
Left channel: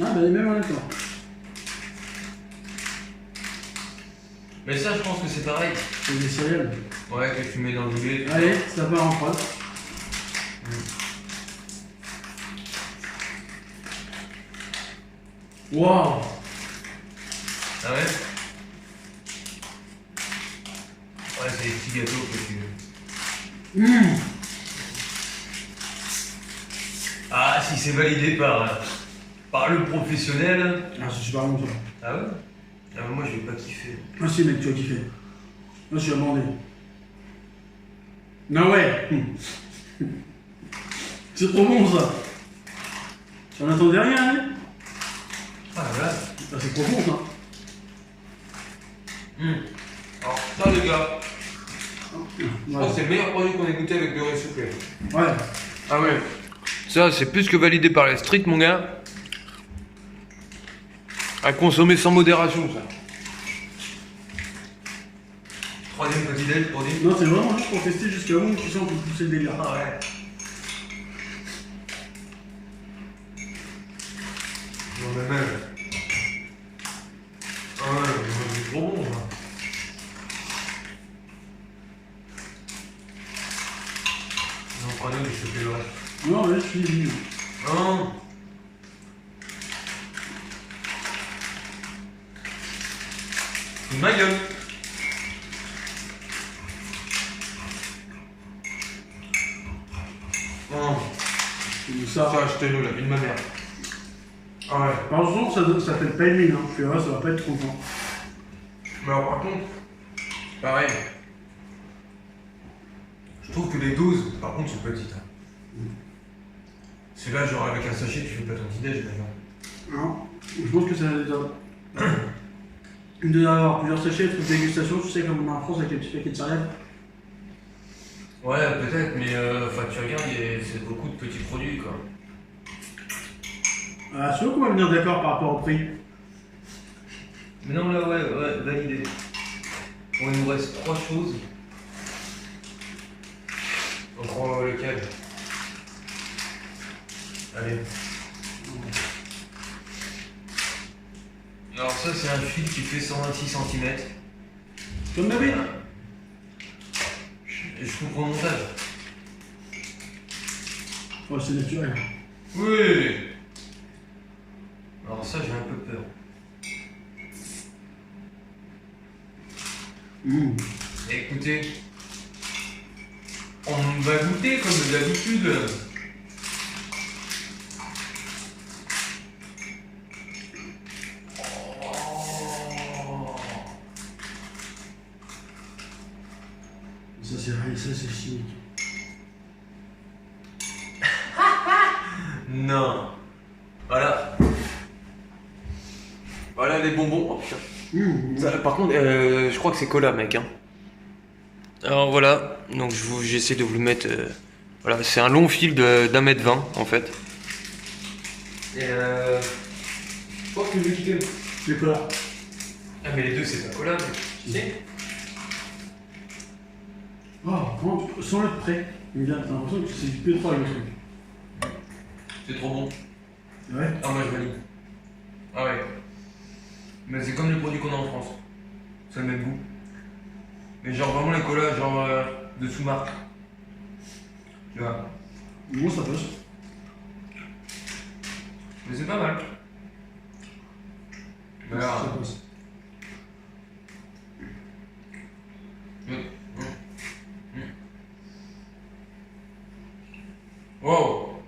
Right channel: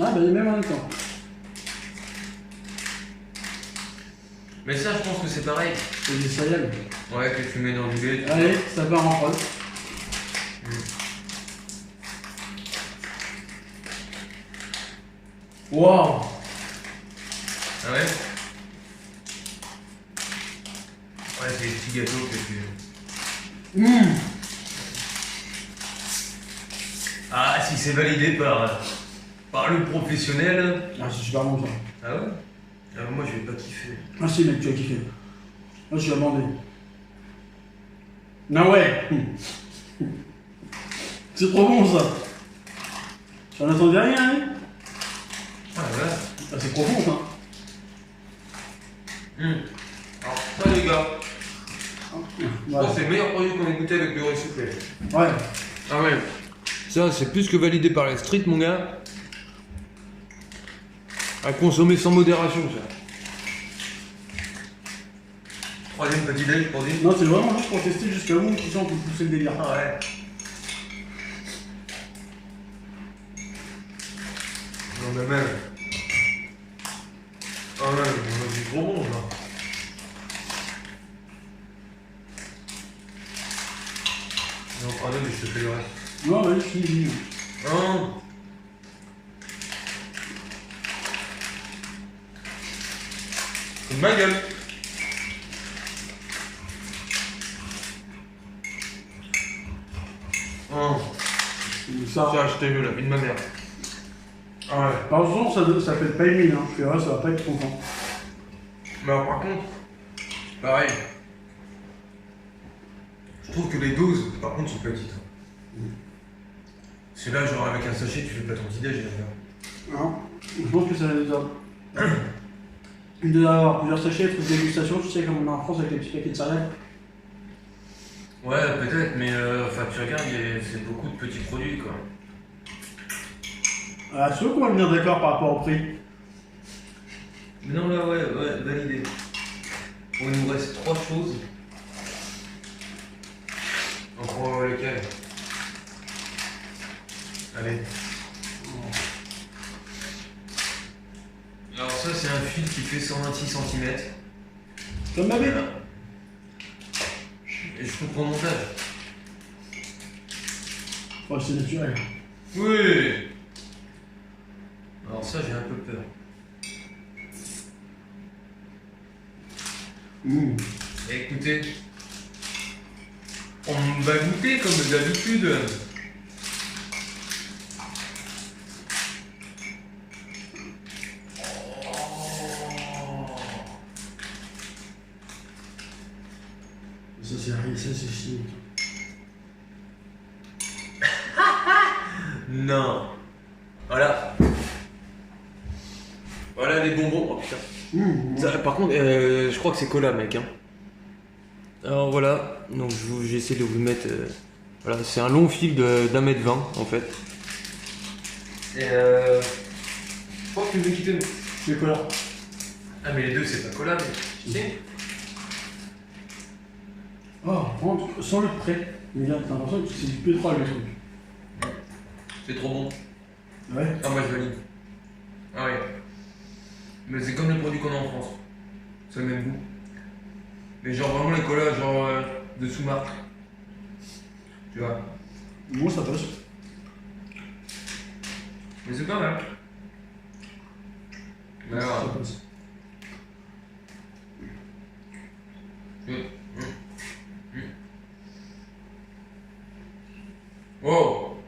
Ah, bah, les mêmes en même temps. Mais ça, je pense que c'est pareil. C'est des céréales. Ouais, que tu mets dans du lait. Allez, ça part en prod. Waouh. Ah ouais. Ouais, c'est des petits gâteaux que tu... Ah, si c'est validé par le professionnel... Ah, c'est super bon ça. Ah ouais. Ah, moi, je vais pas kiffer. Ah si mec, tu vas kiffer. Moi je suis amendé. Ah ouais. C'est trop bon ça. J'en attendais rien, hein. Ah voilà. Ah, c'est trop bon ça. Alors, ça, les gars, je pense Ouais. que c'est le meilleur produit qu'on ait goûté avec beurre soufflé. Ouais. Ah ouais. Ça, c'est plus que validé par la street, mon gars. À consommer sans modération, ça. troisième petit déj pour dire. Non, c'est vraiment juste pour tester jusqu'à où tu sens que tu pousses le délire. Ah ouais. Non mais même. Ah ouais, c'est trop bon ça. Non, pardon, je te fais le reste. Non, vas-y, je finis. Non. C'est de ma gueule. Oh. Ça. Tiens, achetez-le la vie de ma mère. Ah ouais. Par contre, ça fait pas une mine, hein. Tu verras, ça va pas être content. Mais alors, par contre, pareil. Je trouve que les doses, par contre, sont petites. Hein. C'est là, genre avec un sachet, tu fais pas ton petit déj. Non, je pense que ça déjà. Il doit y avoir plusieurs sachets, trucs de dégustation, tu sais, comme on a en France avec les petits paquets de céréales. Ouais, peut-être, mais enfin, tu regardes, c'est beaucoup de petits produits, quoi. Ah, c'est sûr qu'on va venir d'accord par rapport au prix. Mais non, là, ouais, validé. Bon, il nous reste 3 choses. On prend lequel? Allez. Alors ça, c'est un fil qui fait 126 cm. Comme ma vie. Et je coupe au montage. Oh, c'est naturel. Oui. Alors ça, j'ai un peu peur. Écoutez, on va goûter comme d'habitude. Ça, c'est chimique. Non. Voilà. Voilà les bonbons. Oh putain. Ça, par contre, je crois que c'est cola, mec. Hein. Alors voilà, donc j'essaie de vous le mettre. Voilà, c'est un long fil d'1 mètre 20 en fait. Et je pense que je vais quitter. Les couleurs. Ah, mais les deux, c'est pas cola, mais. Si. Oh, sans le de près. Mais là, t'as l'impression que c'est du pétrole le truc. C'est trop bon. Ouais. Ah, moi je valide. Ah ouais. Mais c'est comme les produits qu'on a en France. C'est le même goût. Mais genre vraiment les colas, genre de sous-marque. Tu vois. Moi, ça passe. Mais c'est pas mal. Mais alors, Ça passe. Wow.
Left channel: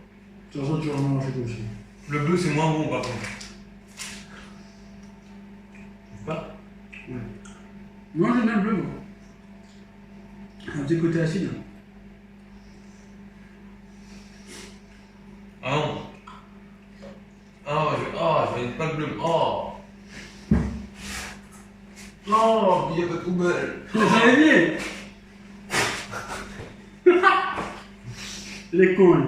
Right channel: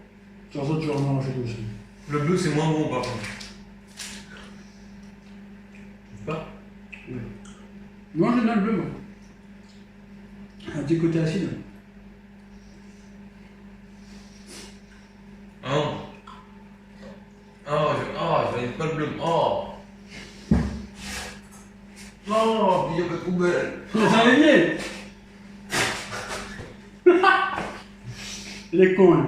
Sur ça, tu vas en manger aussi. Le bleu c'est moins bon par contre. Je sais pas. Oui. Moi, j'aime bien le bleu, moi. Un petit côté acide. Ah non. Je valide pas le bleu. Oh. Non, il n'y a pas de poubelle. Ça arrivé. Les cons.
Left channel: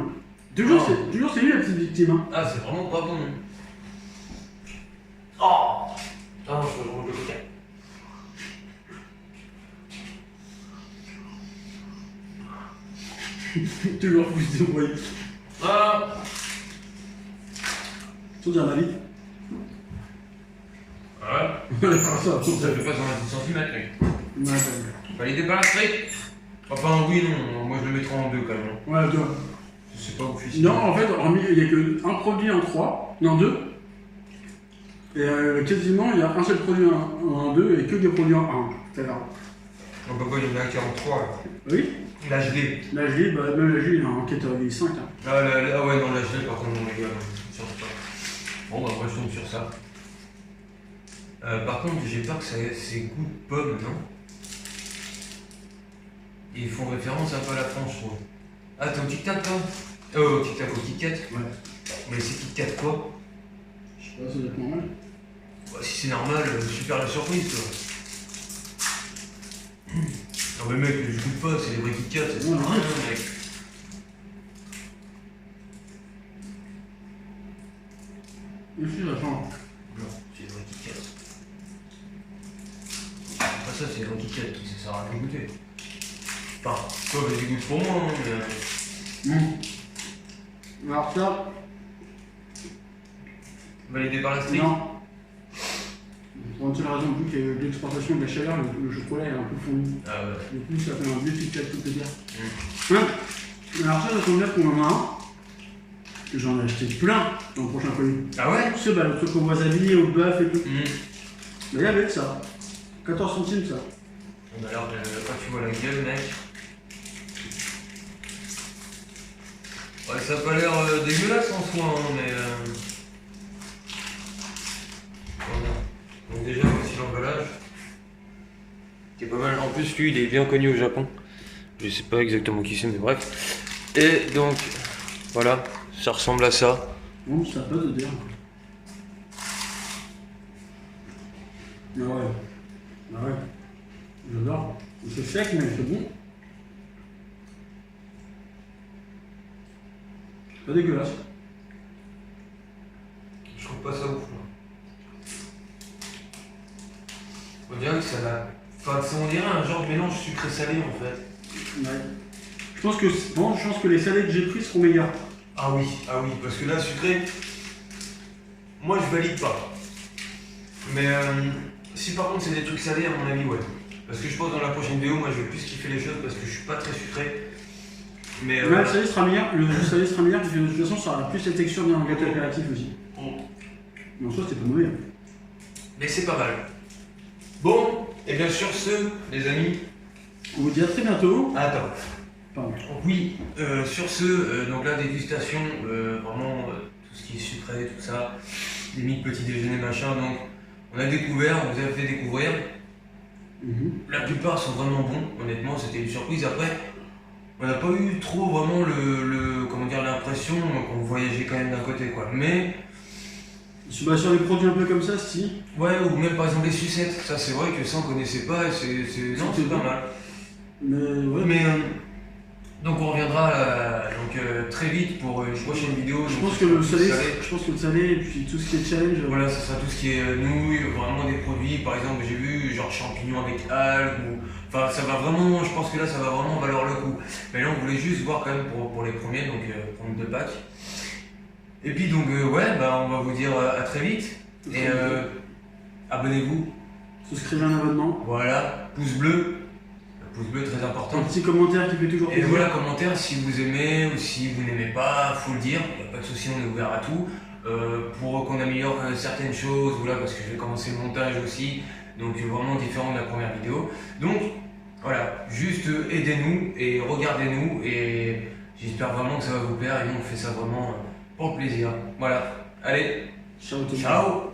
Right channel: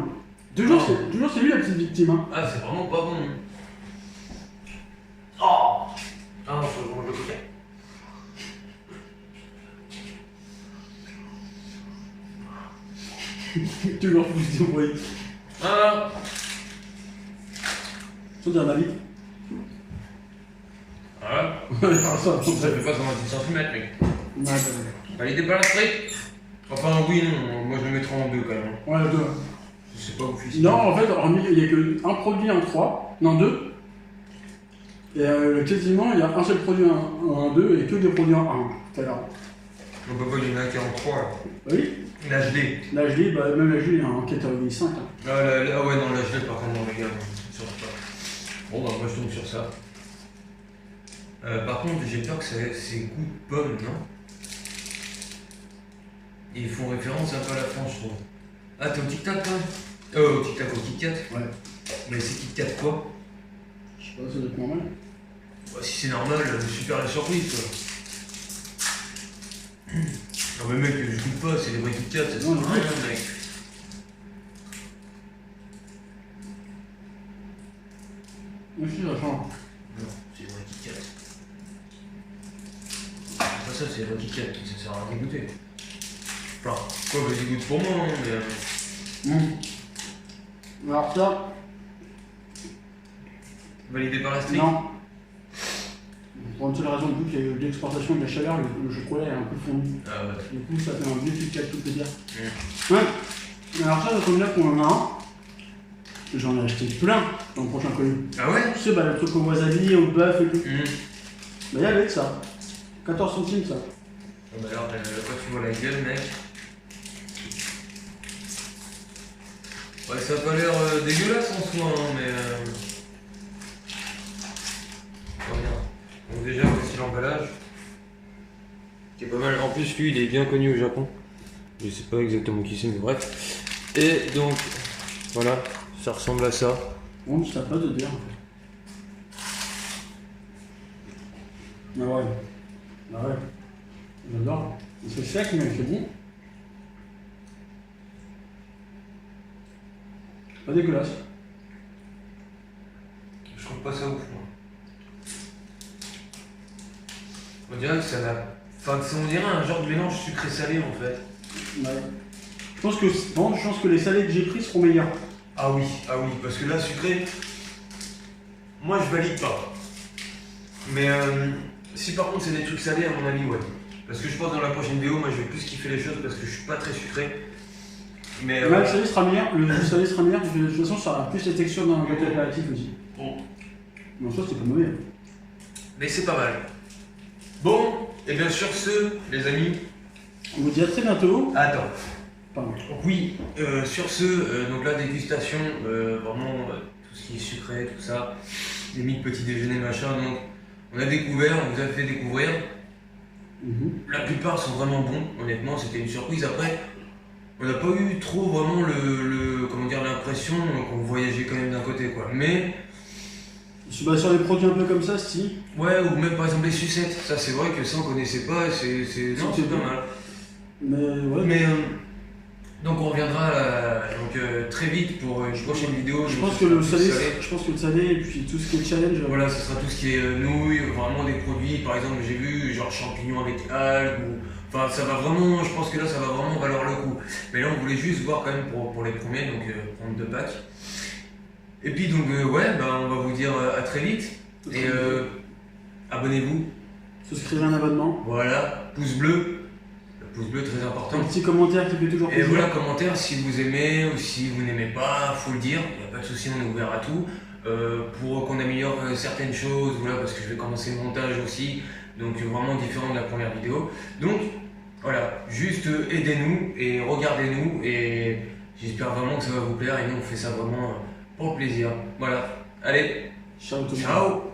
Toujours, c'est lui la petite victime. Hein. Ah, c'est vraiment pas bon. Oh. Ah, faut que je mange le côté. Toujours plus de bruit. Ah. Tu dire ma vie. Ouais. Ça, Ça fait pas 126 cm, mec. Ouais, Validé par la street. Enfin, oui, non. Moi, je le mettrai en 2 quand même. ouais, deux. Je sais pas où je suis. Non, en fait, il n'y a qu'un produit en 3, non 2. Et quasiment, il y a un seul produit en 2 et que des produits en 1. Tout à l'heure. Donc, pourquoi il y en a un qui est en 3 là. Oui. L'HD. L'HD, bah, même l'HD, il est en catégorie 5. Hein. Ah ouais, non, l'HD, par contre, non, les gars, sur pas. Bon, bah, moi, je tombe sur ça. Par contre, j'ai peur que c'est goût de pomme, non? Et ils font référence un peu à la France, je trouve. Ah, t'es au Tic Tac, toi? Au Tic Tac, au Kit Kat? Ouais. Mais c'est Kit Kat quoi? Je sais pas, ça doit être normal. Bah, si c'est normal, super la surprise, quoi. Non, mais mec, je goûte pas, c'est les vrais Kit Kat, ça sert Non, à rien, mec. Merci, j'attends. Non, c'est les vrais Kit Kat. C'est pas ça, c'est les vrais Kit Kit Kat, ça sert à rien de goûter. Enfin, quoi, vas-y, goûte pour moi, hein, mais. Alors ça. Validé par la street? Non. Pour une seule raison, vu qu'il y a eu l'exportation de la chaleur, le chocolat est un peu fondu. Ah ouais. Du coup, ça fait un vieux Kit Kat, tout peut dire. Ouais. Alors ça, ça tombe bien qu'on en a un. J'en ai acheté plein dans le prochain colis. Ah ouais? Tu sais, bah, le truc au wasabi, au bœuf et tout. Bah, il y avait de ça. 14 centimes, ça. Bah alors, quand tu vois la gueule, mec. Ouais, ça a pas l'air dégueulasse en soi, hein, mais. Regarde. Donc, déjà, voici l'emballage. Qui est pas mal. En plus, lui, il est bien connu au Japon. Je sais pas exactement qui c'est, mais bref. Et donc, voilà, ça ressemble à ça. Bon, ça n'a pas d'odeur. Ah ouais. Ah ouais. J'adore. C'est sec, mais c'est bon. Pas dégueulasse. Je trouve pas ça ouf, moi. On dirait que ça a. Enfin, on dirait un genre de mélange sucré-salé en fait. Ouais. Je pense que les salés que j'ai pris seront meilleurs. Ah oui, parce que là, sucré, moi je valide pas. Mais si par contre c'est des trucs salés, à mon avis, ouais. Parce que je pense dans la prochaine vidéo, moi je vais plus kiffer les choses parce que je suis pas très sucré. Mais le salé sera meilleur, le salé sera meilleur parce que de toute façon ça aura plus la texture d'un gâteau apéritif aussi. Mais en soi c'était pas mauvais. Mais c'est pas mal. Bon, et bien sur ce, les amis. On vous dit à très bientôt. Attends. Pardon. Oui, sur ce, donc la dégustation, vraiment tout ce qui est sucré, tout ça, limite petit déjeuner, machin, donc on a découvert, on vous a fait découvrir. La plupart sont vraiment bons, honnêtement, c'était une surprise. Après, on n'a pas eu trop vraiment comment dire, l'impression qu'on voyageait quand même d'un côté, quoi. Mais sur les produits un peu comme ça, si. ouais, ou même par exemple les sucettes, ça c'est vrai que ça on connaissait pas et c'est pas mal. Mais ouais. Mais donc on reviendra très vite pour une prochaine vidéo. Je pense que le salé et puis tout ce qui est challenge. Voilà, ce sera tout ce qui est nouilles, vraiment des produits, par exemple j'ai vu genre champignons avec algues, enfin ça va vraiment, je pense que là ça va vraiment valoir le coup. Mais là on voulait juste voir quand même pour les premiers, donc prendre 2 packs. Et puis donc ouais, bah, on va vous dire à très vite. Et abonnez-vous. Souscrivez un abonnement. Voilà, pouce bleu. Pouce bleu très important. Un petit commentaire qui fait toujours plaisir. Et voilà, commentaire si vous aimez ou si vous n'aimez pas, faut le dire, il n'y a pas de souci, on est ouvert à tout. Pour qu'on améliore certaines choses, voilà, parce que je vais commencer le montage aussi, donc vraiment différent de la première vidéo. Donc voilà, juste aidez-nous et regardez-nous et j'espère vraiment que ça va vous plaire et nous on fait ça vraiment pour le plaisir. Voilà, allez, ciao tout le monde. Ciao.